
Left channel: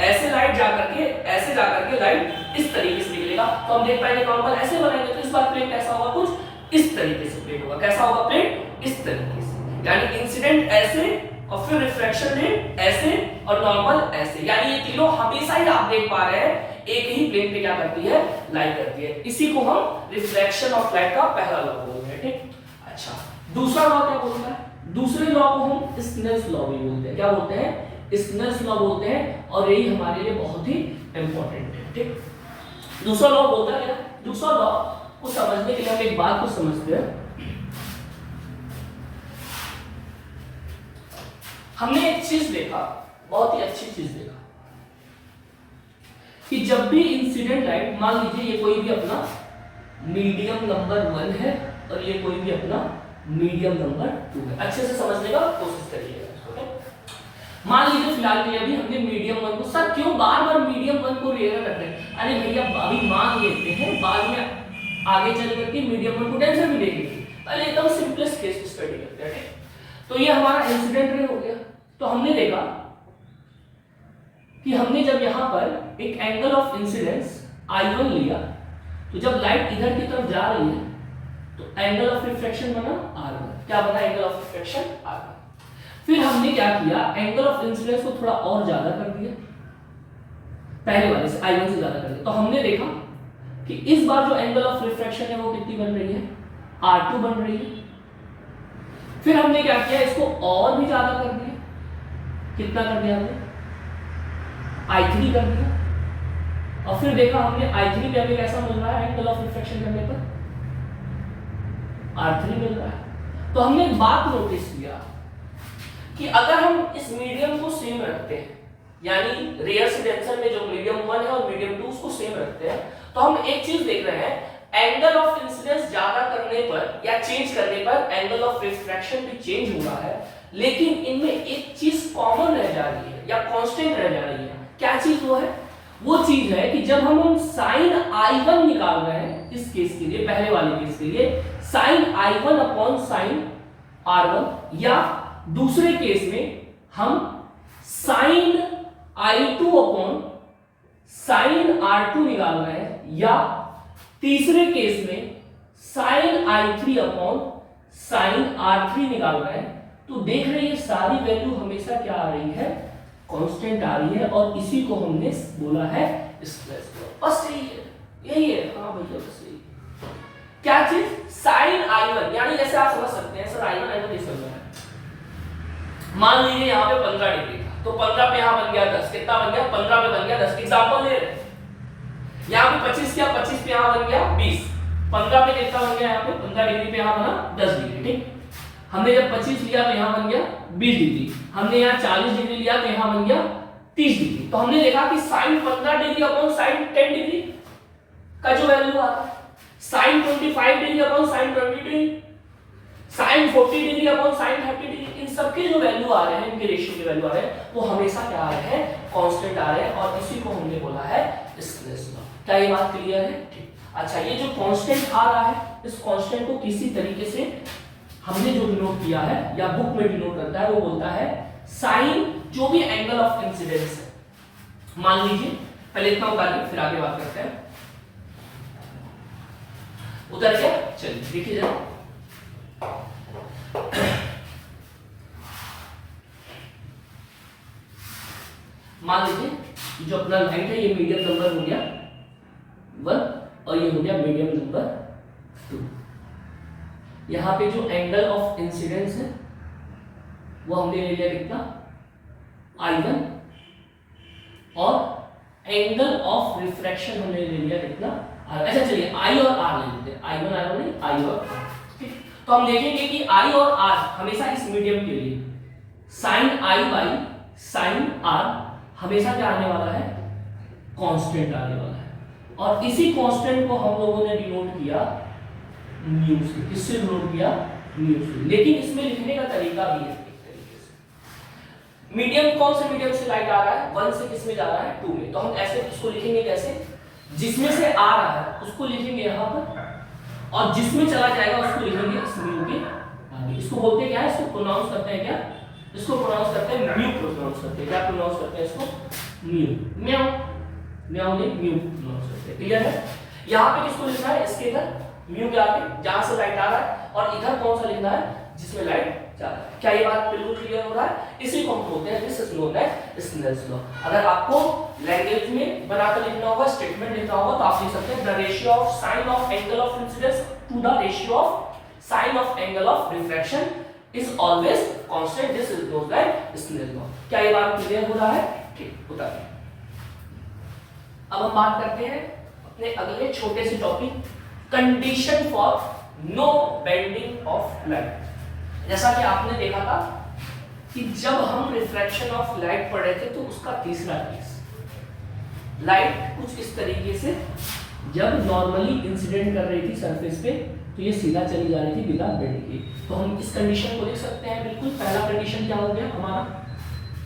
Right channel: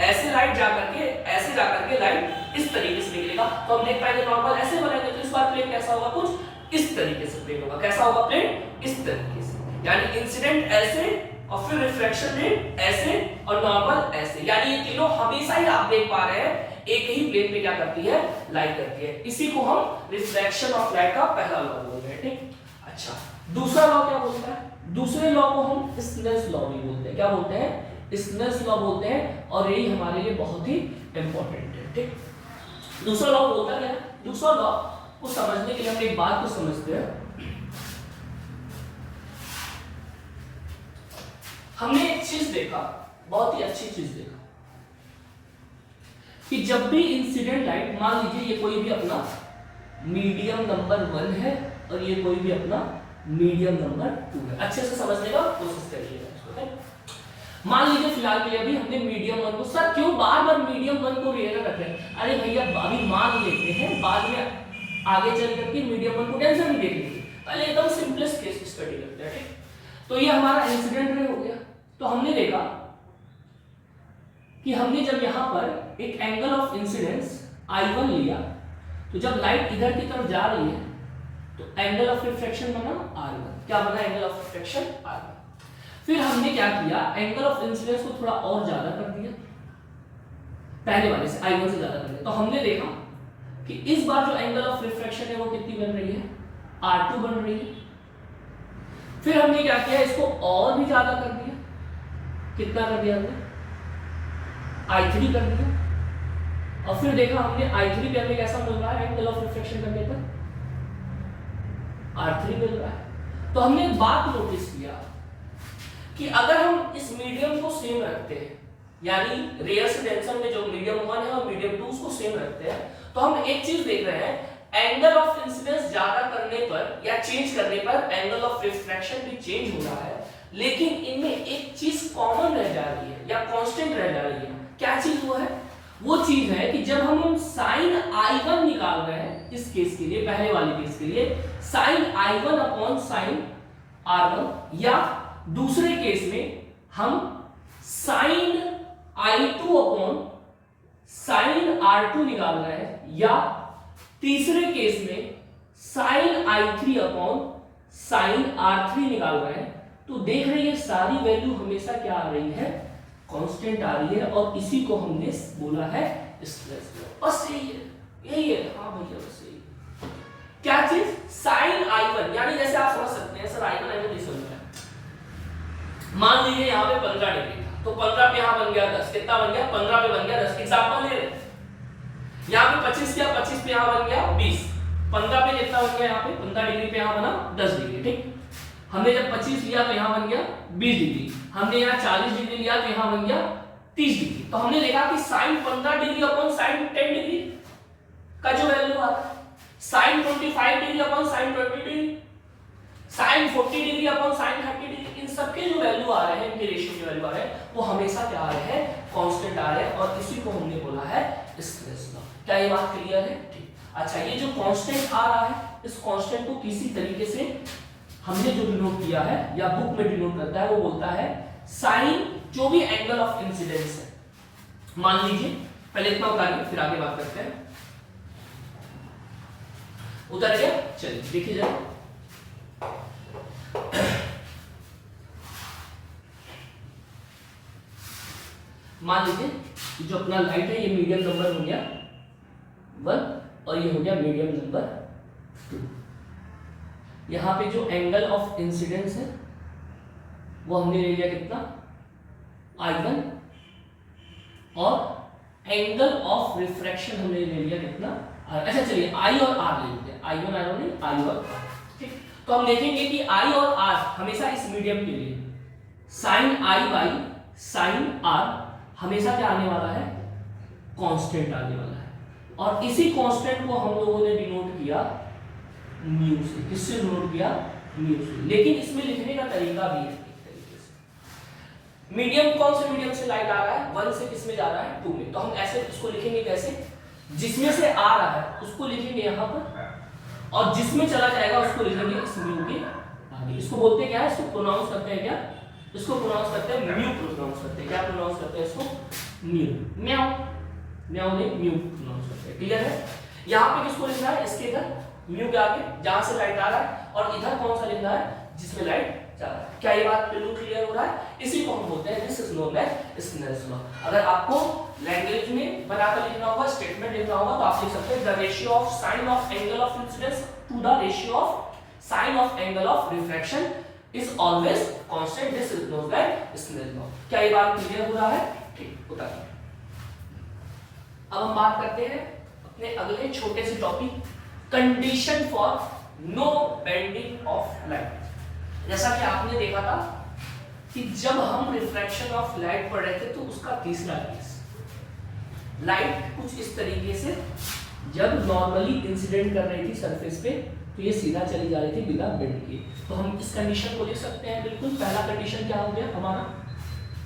ऐसे लाइट जा करके ऐसे जा करके लाइट इस तरीके से निकलेगा। तो हम देख पाएंगे नॉर्मल ऐसे बनाएंगे तो इस बार प्लेन कैसा होगा, कुछ इस तरीके से प्लेन होगा। कैसा होगा प्लेन, इस तरीके से, यानी इंसिडेंट ऐसे और फिर रिफ्लेक्शन रेट ऐसे और नॉर्मल ऐसे, यानी ये तीनों हमेशा ही आप देख पा रहे हैं एक ही प्लेन पे क्या करती है, लाइट करती है। इसी को हम रिफ्लेक्शन ऑफ लाइट का पहला लॉ बोलते हैं, ठीक। अच्छा, दूसरा लॉ क्या बोलता है, दूसरे लॉ को हम स्नेल्स लॉ भी बोलते हैं। क्या बोलते हैं, स्नेल्स लॉ बोलते हैं, और यही हमारे लिए बहुत ही इंपॉर्टेंट है, ठीक। दूसरा लॉ बोलता है, दूसरा लॉ को समझने के लिए हम एक बात को समझते हैं। हमने एक चीज देखा, बहुत ही अच्छी चीज देखा, कि जब भी इंसिडेंट लाइट, मान लीजिए ये कोई भी अपना मीडियम नंबर 1 है और ये कोई भी अपना मीडियम नंबर 2 है, अच्छे से समझने का कोशिश करिएगा। मान लीजिए फिलहाल ये अभी हमने मीडियम 1 को, सर क्यों बार बार मीडियम 1 को रेयर रख रहे हैं, अरे भैया अभी मान लेते हैं, बाद में आगे चल करके मीडियम 1 को टेंशन नहीं देंगे, पहले एकदम सिंपलेस्ट केस स्टडी करते हैं, ठीक। तो ये हमारा इंसिडेंट रे हो गया। तो हमने देखा कि हमने जब यहां पर एक एंगल ऑफ इंसिडेंस I1 लिया, तो जब लाइट इधर की तरफ जा रही है तो एंगल ऑफ रिफ्लेक्शन बना R1। क्या बना, एंगल ऑफ रिफ्लेक्शन R1। फिर हमने क्या किया, एंगल ऑफ इंसिडेंस को थोड़ा और ज्यादा कर दिया, पहले वाले से I1 से ज्यादा कर दिया। तो हमने देखा कि इस बार जो एंगल ऑफ रिफ्लेक्शन है वो कितनी बन रही है, R2 बन रही है। फिर हमने क्या किया, इसको और भी ज्यादा कर दिया, कितना कर दिया हमने, I3 कर दिया। और फिर देखा हमने I3 पे हमें कैसा मिल रहा है, एंगल ऑफ रिफ्लेक्शन करने पर R3 मिल रहा है। तो हमने एक बात नोटिस किया कि अगर हम इस मीडियम को सेम रखते हैं, यानी रेयर से डेंसर में जो मीडियम 1 है और मीडियम 2 उसको सेम रखते हैं, तो हम एक चीज देख रहे हैं, एंगल ऑफ इंसिडेंस ज्यादा करने पर या चेंज करने पर एंगल ऑफ रिफ्रैक्शन भी चेंज हो रहा है, लेकिन इनमें एक चीज कॉमन रह जा रही है या कांस्टेंट रह जा रही है। क्या चीज वो है, वो चीज है कि जब हम साइन I1 निकाल रहे हैं इस केस के लिए, पहले वाले केस के लिए sign I1 upon sine R1, या दूसरे केस में हम sign I2 upon sine R2 निकाल रहे हैं, या तीसरे केस में sign I3 upon sine R3 निकाल रहे हैं, तो देख रहे हैं सारी वैल्यू हमेशा क्या आ रही है, कांस्टेंट आ रही है, और इसी को हमने बोला है स्नेल्स लॉ। बस यही है, हाँ भैया बस यही। क्या चीज, साइन I1, यानी जैसे आप समझ सकते हैं सर I1 कैसे बना है, मान लीजिए यहाँ पे 15 डिग्री था, तो 15 पे यहाँ बन गया 10, कितना बन गया, 15 पे बन गया 10। एग्जांपल ले रहे हैं, यहाँ पे 25 किया, 25 पे यहाँ बन गया 20, 15 पे कितना बन गया, यहाँ पे 15 डिग्री पे यहाँ बना 10 डिग्री, ठीक। हमने जब 25 लिया तो यहाँ बन गया 20 डिग्री, हमने यहाँ 40 डिग्री लिया तो यहाँ बन गया 30 डिग्री। तो हमने देखा कि sine 15 degree upon sine 10 degree का जो वैल्यू आ रहा है, sine 25 degree upon sine 20 degree, sine 40 degree upon sine 30 degree, इन सब के जो वैल्यू आ रहे हैं, इनके रेशियो के वैल्यू आ रहे हैं, वो हमेशा क्या आ रहे हैं, कांस्टेंट आ रहे हैं, और इसी को हमने बोला है स्नेल्स लॉ। क्या ये बात क्लियर है? ठीक। अच्छा, ये जो कांस्टेंट आ रहा है, इस कांस्टेंट को किसी तरीके से हमने जो डिनोट किया है या बुक में डिनोट करता है, वो बोलता है साइन जो भी एंगल ऑफ इंसिडेंस है। मान लीजिए, पहले इतना उतारिए फिर आगे बात करते हैं। उतर गया? चलिए देखिए जरा, मान लीजिए जो अपना लाइट है ये मीडियम नंबर हो गया 1 और ये हो गया मीडियम नंबर 2। यहां पे जो एंगल ऑफ इंसिडेंस है वो हमने ले लिया कितना, I1, और एंगल ऑफ रिफ्रैक्शन हमने ले लिया कितना, R। अच्छा चलिए I और R ले लेते हैं, I1 R नहीं, I और R। ठीक, तो हम देखेंगे कि I और R हमेशा इस मीडियम के लिए sine I by sine R हमेशा क्या आने वाला है, कांस्टेंट आने वाला है, और इसी कांस्टेंट को हम लोगों ने डिनोट किया म्यू से। किससे डिनोट किया? म्यू से। लेकिन इसमें लिखने का तरीका भी है एक तरीके से। मीडियम, कौन से मीडियम से लाइट आ रहा है, 1 से किसमें जा रहा है, 2 में। तो हम ऐसे इसको लिखेंगे कैसे, जिसमें से आ रहा है उसको लिखेंगे यहाँ पर, और जिसमें चला जाएगा उसको लिखेंगे इस म्यू के आगे। इसको बोलते क्या है, इसको प्रोनाउंस करते हैं क्या, इसको प्रोनाउंस करते हैं म्यू, प्रोनाउंस करते हैं क्या, प्रोनाउंस करते हैं इसको म्यू, म्याऊ म्याऊ नहीं, म्यू प्रोनाउंस करते हैं। क्लियर है? यहाँ पे किसको लिखना है, इसके इधर म्यू के आगे जहां से लाइट आ रहा है, और इधर कौन सा लिखना है, जिसमें लाइट जा रहा है। क्या ये बात बिल्कुल क्लियर हो रहा है? इसी को हम बोलते हैं this is known as Snell's law. अगर आपको लैंग्वेज में बनाकर लिखना होगा, स्टेटमेंट लिखना होगा, तो आप लिख सकते हैं the ratio of sine of angle of incidence to the ratio of sine of angle of refraction is always constant, this is known as Snell's law. क्या ये बात क्लियर हो रहा है? ठीक, बताइए। अब हम बात करते हैं अपने अगले छोटे से topic, condition for no bending of light. जैसा कि आपने देखा था कि जब हम रिफ्रैक्शन ऑफ लाइट पढ़ रहे थे, तो उसका तीसरा केस, लाइट कुछ इस तरीके से जब नॉर्मली इंसिडेंट कर रही थी सरफेस पे, तो ये सीधा चली जा रही थी बिना बेंड के। तो हम इस कंडीशन को लिख सकते हैं बिल्कुल। पहला कंडीशन क्या हो गया हमारा,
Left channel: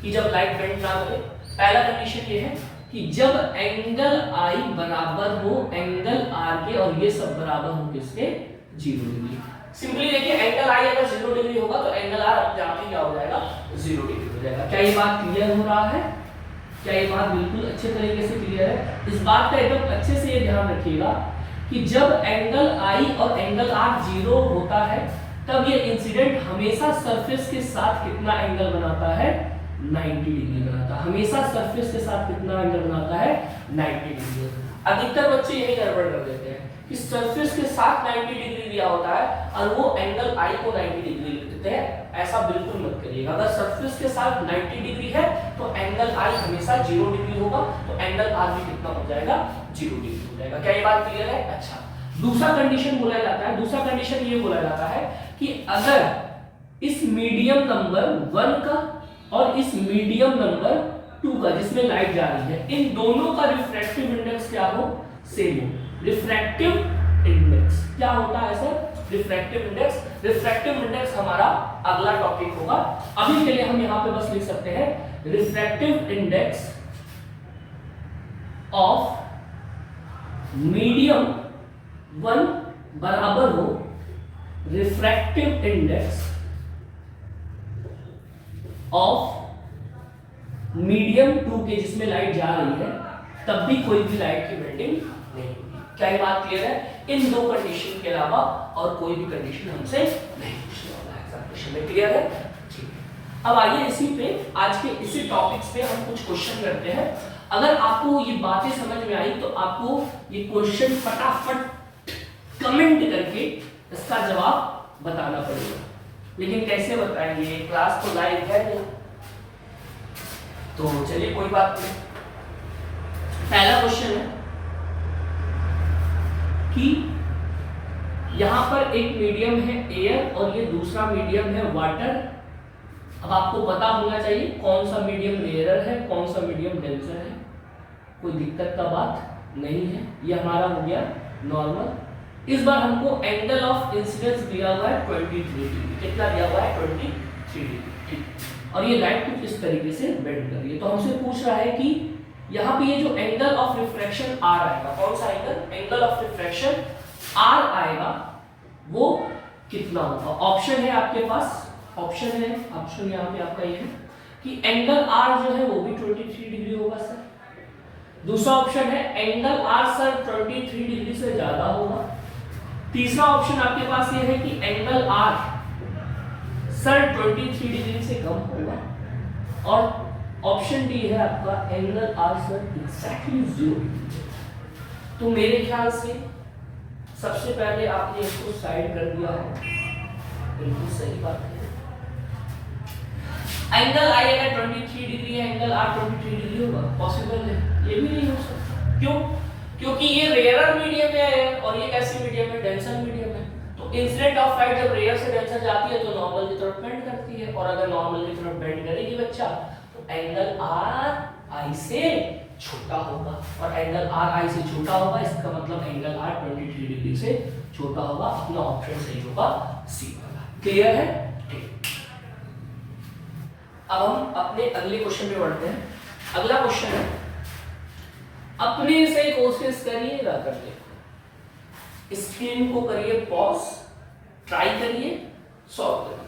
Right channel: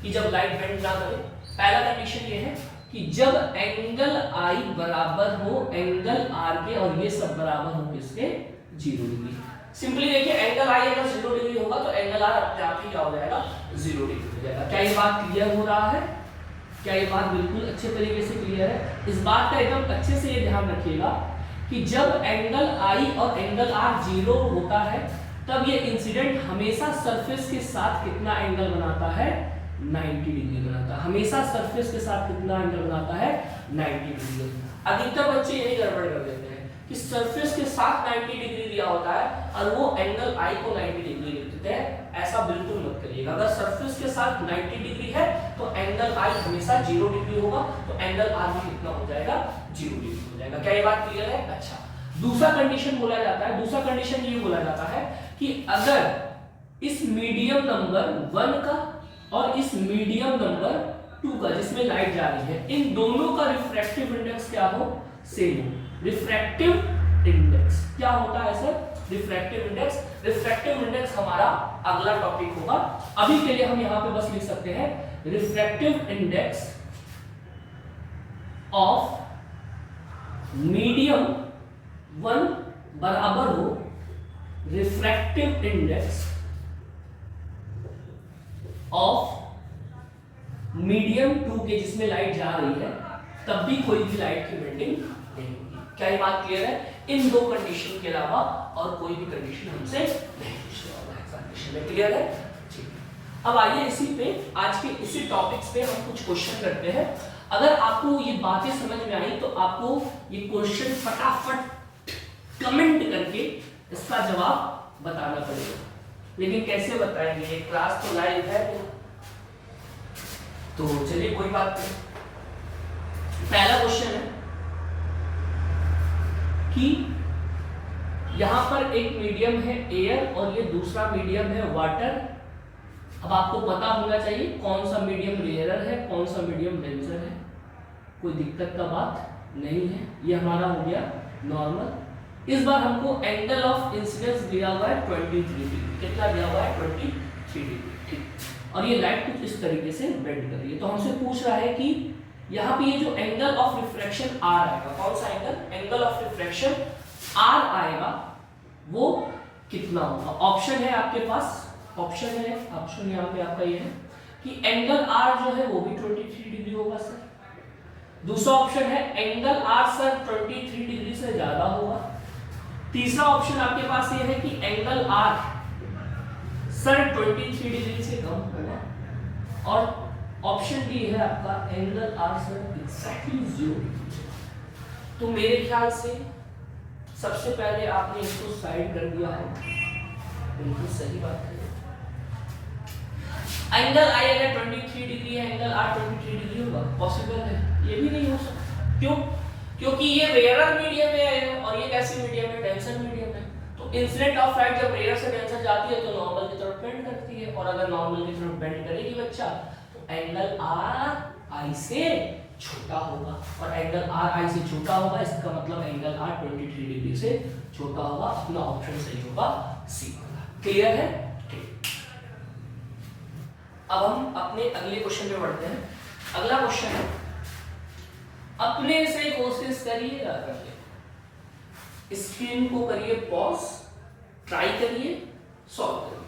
कि जब लाइट बेंड ना करे। पहला कंडीशन ये है कि जब एंगल I बराबर हो एंगल R के, और ये सब बराबर हो किसके, 0 डिग्री। सिंपली देखिए, एंगल I अगर 0 डिग्री होगा तो एंगल R अपने आप ही क्या हो जाएगा, 0 डिग्री हो जाएगा। क्या ये बात क्लियर हो रहा है? क्या ये बात बिल्कुल अच्छे तरीके से क्लियर है? इस बात का एकदम अच्छे से ये ध्यान रखिएगा कि जब एंगल I और एंगल R 0 होता है, तब ये इंसिडेंट हमेशा सरफेस के साथ कितना एंगल बनाता है, 90 डिग्री बनाता है। हमेशा सरफेस के साथ कितना एंगल बनाता है, 90 डिग्री। अधिकतर बच्चे यही गड़बड़ कर देते हैं कि सरफेस के साथ 90 डिग्री दिया होता है और वो एंगल I को 90 डिग्री लिख देते हैं। ऐसा बिल्कुल मत करिएगा। अगर सरफेस के साथ 90 डिग्री है तो एंगल I हमेशा 0 डिग्री होगा, तो एंगल R भी कितना हो जाएगा, 0 डिग्री हो जाएगा। क्या ये बात क्लियर है? अच्छा, दूसरा कंडीशन बोला जाता है, दूसरा कंडीशन ये बोला जाता है कि अगर इस मीडियम नंबर 1 का और इस मीडियम नंबर 2 का जिसमें लाइट जा रही है, इन दोनों का रिफ्रैक्टिव इंडेक्स क्या हो, सेम हो। रिफ्रैक्टिव इंडेक्स क्या होता है sir, refractive index. Refractive index हमारा अगला टॉपिक होगा। अभी के लिए हम यहां पे बस लिख सकते हैं रिफ्रैक्टिव इंडेक्स ऑफ मीडियम 1 बराबर हो रिफ्रैक्टिव इंडेक्स ऑफ मीडियम 2 के जिसमें लाइट जा रही है, तब भी कोई भी लाइट की बेंडिंग नहीं होगी। क्या ये बात क्लियर है? इन दो कंडीशन के अलावा और कोई भी कंडीशन हमसे नहीं पूछने वाला है एग्जामिनेशन में। क्लियर है? ठीक है। अब आइए इसी पे, आज के इसी टॉपिक्स पे हम कुछ क्वेश्चन करते हैं। अगर आपको ये बातें समझ में आई तो आपको ये क्वेश्चन फटाफट कमेंट करके इसका जवाब बताना पड़ेगा। लेकिन कैसे बताएंगे, क्लास तो लाइव है नहीं, तो चलिए कोई बात नहीं। पहला क्वेश्चन है कि यहां पर एक मीडियम है एयर और ये दूसरा मीडियम है वाटर, अब आपको पता होना चाहिए कौन सा मीडियम रेयरर है, कौन सा मीडियम डेंसर है, कोई दिक्कत का बात नहीं है। ये हमारा हो गया नॉर्मल। इस बार हमको एंगल ऑफ इंसिडेंस दिया हुआ है 23 डिग्री। कितना दिया हुआ है? 23 डिग्री। ठीक। और ये लाइट कुछ इस तरीके से बेंड कर रही है, तो हमसे पूछ रहा है कि यहाँ पे ये जो एंगल ऑफ रिफ्रैक्शन आर आएगा, कौन सा angle? Angle of refraction R आएगा, वो कितना होगा? ऑप्शन है आपके पास, ऑप्शन है, ऑप्शन यहाँ पे आपका ये है कि एंगल आर जो है वो भी 23 डिग्री होगा सर। दूसरा ऑप्शन है एंगल आर सर 23 डिग्री से ज्यादा होगा। तीसरा ऑप्शन आपके पास ये है कि एंगल आर सर 23 डिग्री से कम होगा। और ऑप्शन डी है आपका angle R sir exactly 0 degree. तो मेरे ख्याल से सबसे पहले आपने इसको साइड कर दिया है, बिल्कुल सही बात है। एंगल आई है 23 डिग्री है, एंगल आर 23 डिग्री होगा? पॉसिबल है? ये भी नहीं हो सकता। क्यों? क्योंकि ये रेयरर मीडियम है और ये कैसी मीडियम है? डेंसर मीडियम है। तो इंसिडेंट ऑफ लाइट जब रेयर से डेंसर जाती है तो नॉर्मल की तरफ बेंड करती है, और अगर नॉर्मल की तरफ बेंड करेगी बच्चा तो एंगल आर आई से छोटा होगा, और एंगल आर आई से छोटा होगा इसका मतलब एंगल आर 23 डिग्री से छोटा होगा। अपना ऑप्शन सही होगा, सी होगा। क्लियर है? ठीक। अब हम अपने अगले क्वेश्चन पे बढ़ते हैं। अगला क्वेश्चन है, अपने से कोशिश करिएगा करके, स्क्रीन को करिए पॉज, ट्राई करिए, सॉल्व करिए।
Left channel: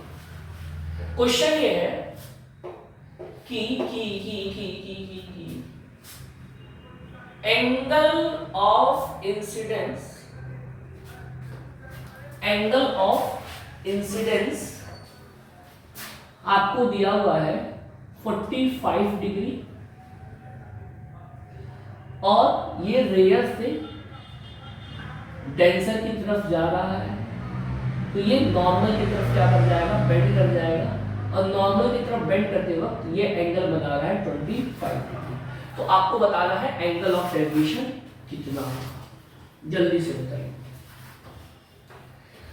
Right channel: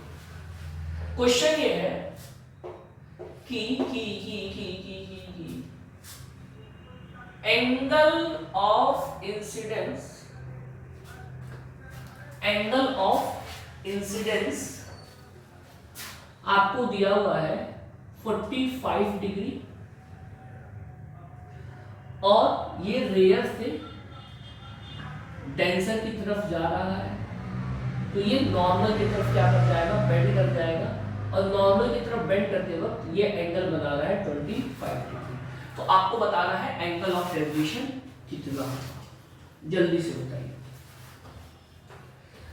क्वेश्चन ये है कि एंगल ऑफ इंसिडेंस आपको दिया हुआ है 45 डिग्री, और ये रेयर से डेंसर की तरफ जा रहा है, तो ये नॉर्मल की तरफ क्या कर जाएगा? बेंड कर जाएगा, और नॉर्मल की तरफ बेंड करते वक्त ये एंगल बना रहा है 25 डिग्री। तो आपको बताना है एंगल ऑफ डेविएशन कितना होगा। जल्दी से बताइए।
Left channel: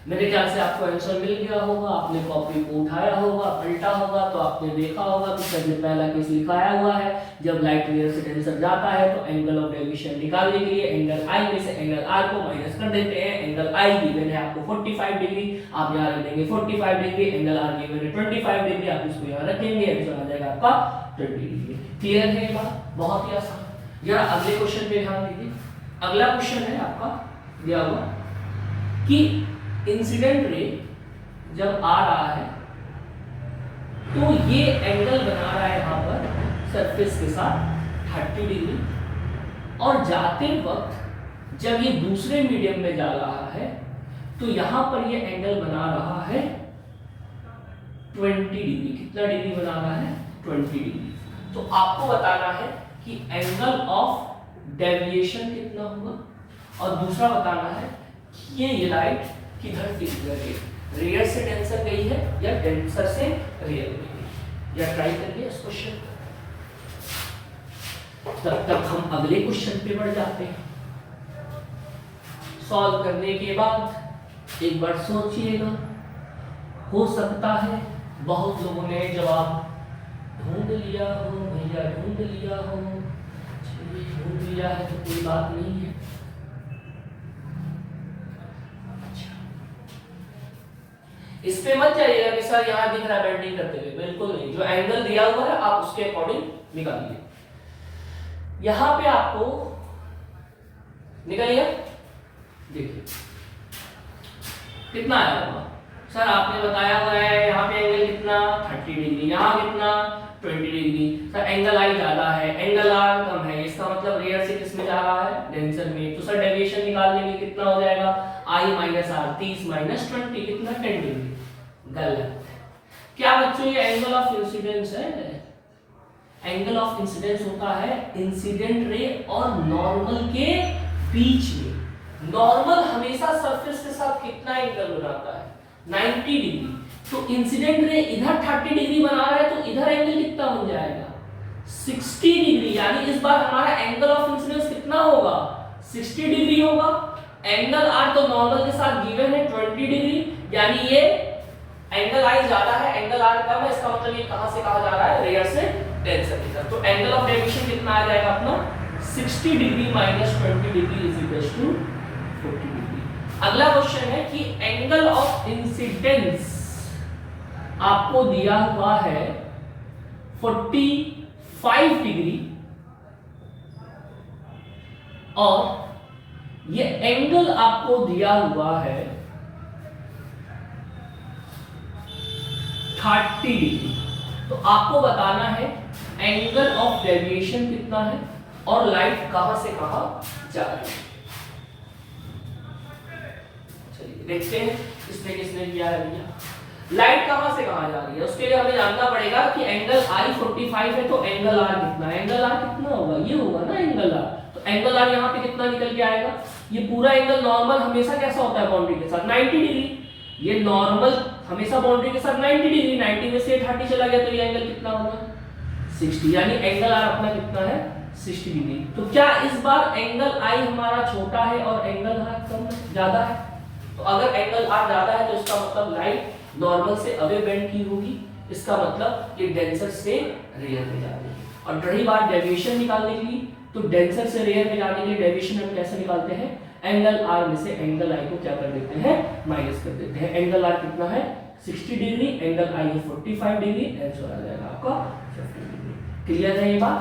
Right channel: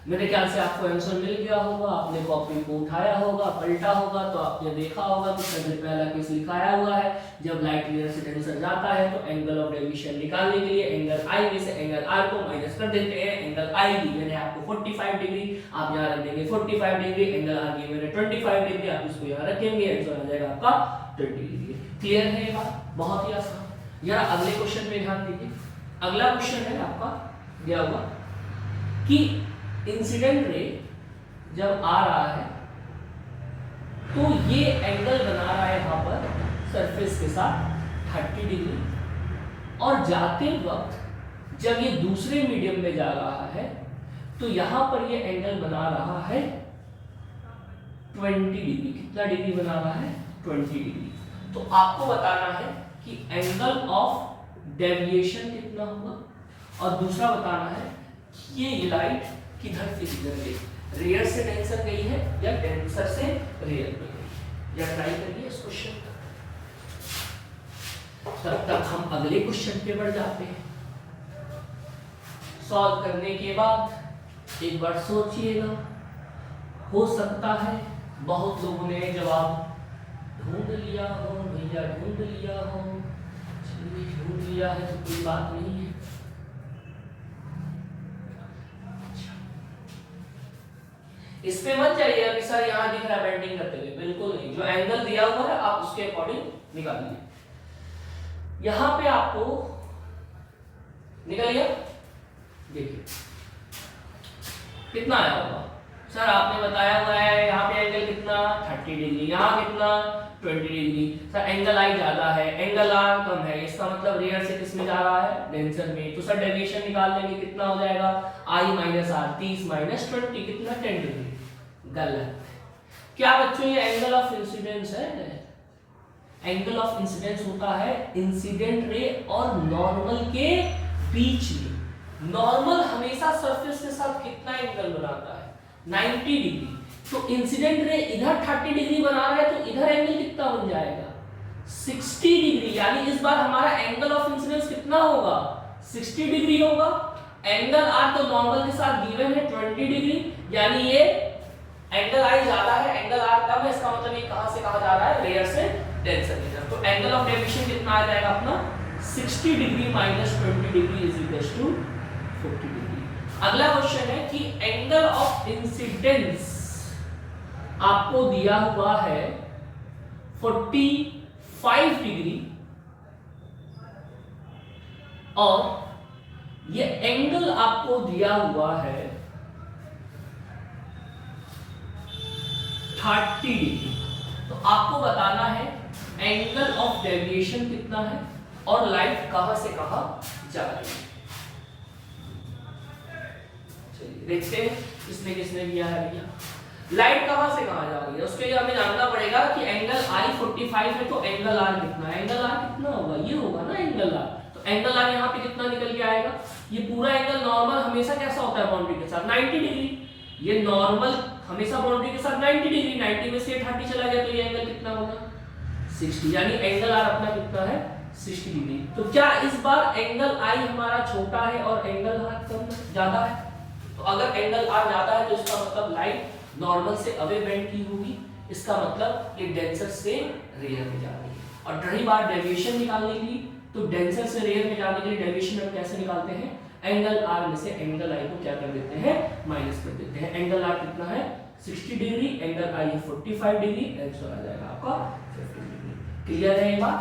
मेरे ख्याल से आपको आंसर मिल गया होगा, आपने कॉपी को उठाया होगा, पलटा होगा, तो आपने देखा होगा कि सबसे पहला केस लिखाया हुआ है, जब लाइट रेयर से डेंसर जाता है तो एंगल ऑफ डेविएशन निकालने के लिए एंगल आई में से एंगल आर को माइनस कर देते हैं। एंगल आई गिवन है आपको 45 डिग्री, आप यहाँ रख देंगे 45 डिग्री, एंगल आर गिवन है 25 डिग्री, आप इसको यहाँ रखेंगे, आंसर आ जाएगा आपका 20 डिग्री। क्लियर है ये बात? बहुत ही आसान। जरा अगले क्वेश्चन पे ध्यान दीजिए। अगला क्वेश्चन है आपका दिया हुआ कि इंसिडेंट रे जब आ रहा है तो ये एंगल बना रहा है यहां पर सरफेस के साथ 30 डिग्री, और जाते वक्त जब ये दूसरे मीडियम में जा रहा है तो यहां पर ये एंगल बना रहा है 20 डिग्री। कितना डिग्री बना रहा है? 20 डिग्री। तो आपको बताना है कि एंगल ऑफ डेविएशन कितना होगा, और दूसरा बताना है कि ये लाइट किधर से किधर है, रेयर से डेंसर गई है या डेंसर से रेयर गई है। या ट्राई करिए इस क्वेश्चन को। तब तक हम अगले क्वेश्चन पे बढ़ जाते हैं। सॉल्व करने के बाद एक बार सोचिएगा, हो सकता है बहुत लोगों ने जवाब ढूंढ लिया हो, भैया ढूंढ लिया हो, ढूंढ लिया है तो कोई बात नहीं है। इस पे मत जाइएगा कि सर यहाँ दिख रहा है बेंडिंग करते हुए, बिल्कुल नहीं। जो एंगल दिया हुआ है आप उसके अकॉर्डिंग निकालिए। यहां पे आपको निकलेगा, देखिए कितना आया होगा। सर आपने बताया हुआ है यहाँ पे एंगल कितना 30 डिग्री, यहाँ कितना 20 डिग्री। सर एंगल आई ज्यादा है, एंगल आर कम है, इसका मतलब रेयर से किस में जा रहा है? डेंसर में। तो सर डेविएशन निकाल लेंगे, कितना हो जाएगा? आई माइनस आर, 30 माइनस 20 कितना? 10 डिग्री। गलत। क्या बच्चों ये एंगल ऑफ इंसिडेंस है? एंगल ऑफ इंसिडेंस होता है इंसिडेंट रे और नॉर्मल के बीच में। नॉर्मल हमेशा सरफेस के साथ कितना एंगल बनाता है? 90 डिग्री। तो इंसिडेंट रे इधर 30 डिग्री बना रहा है तो इधर एंगल कितना बन जाएगा? 60 डिग्री। यानी इस बार हमारा एंगल ऑफ इंसिडेंस कितना होगा? 60 डिग्री होगा। एंगल आर तो नॉर्मल के साथ गिवन है 20 डिग्री, यानी ये एंगल आई ज्यादा है, एंगल आर कम है, इसका मतलब ये कहां से कहा जा रहा है, रेयर से डेंसर की तरफ। तो एंगल ऑफ डेविएशन कितना आ जाएगा अपना 60 degree minus 20 degree is equal to 40 degree. अगला क्वेश्चन है कि एंगल ऑफ इंसिडेंस आपको दिया हुआ है 45 डिग्री और ये एंगल आपको दिया हुआ है 30 डिग्री। तो आपको बताना है एंगल ऑफ डेविएशन कितना है और लाइट कहां से कहां जा रही है। चलिए देखते हैं किसने किसने दिया है भैया। लाइट कहां से कहां जा रही है उसके लिए हमें जानना पड़ेगा कि एंगल आई 45 है तो एंगल आर कितना है। एंगल आर कितना होगा, ये होगा ना एंगल आर। तो एंगल आर यहाँ पे कितना निकल के आएगा, ये पूरा एंगल नॉर्मल हमेशा कैसा होता है बाउंड्री के साथ 90 डिग्री। ये नॉर्मल हमेशा बाउंड्री के साथ 90 डिग्री, 90 में से 30 चला गया तो ये एंगल कितना होगा 60, यानी एंगल आर अपना कितना है 60 डिग्री। तो क्या इस बार एंगल आई हमारा छोटा है और एंगल आर कम ज्यादा है। तो अगर एंगल आर ज्यादा है तो इसका मतलब लाइट नॉर्मल से अवे बेंड की होगी, इसका मतलब ये डेंसर से रेयर में जा रही है। और रही बात डेविएशन निकालने के लिए, तो डेंसर से रेयर में जाने के लिए डेविएशन हम कैसे निकालते हैं, एंगल आर में से एंगल आई को क्या कर देते हैं, माइनस कर देते हैं। एंगल आर कितना है 60 डिग्री, एंगल आई है 45 डिग्री, आंसर आ जाएगा आपका 50 डिग्री। क्लियर है ये बात।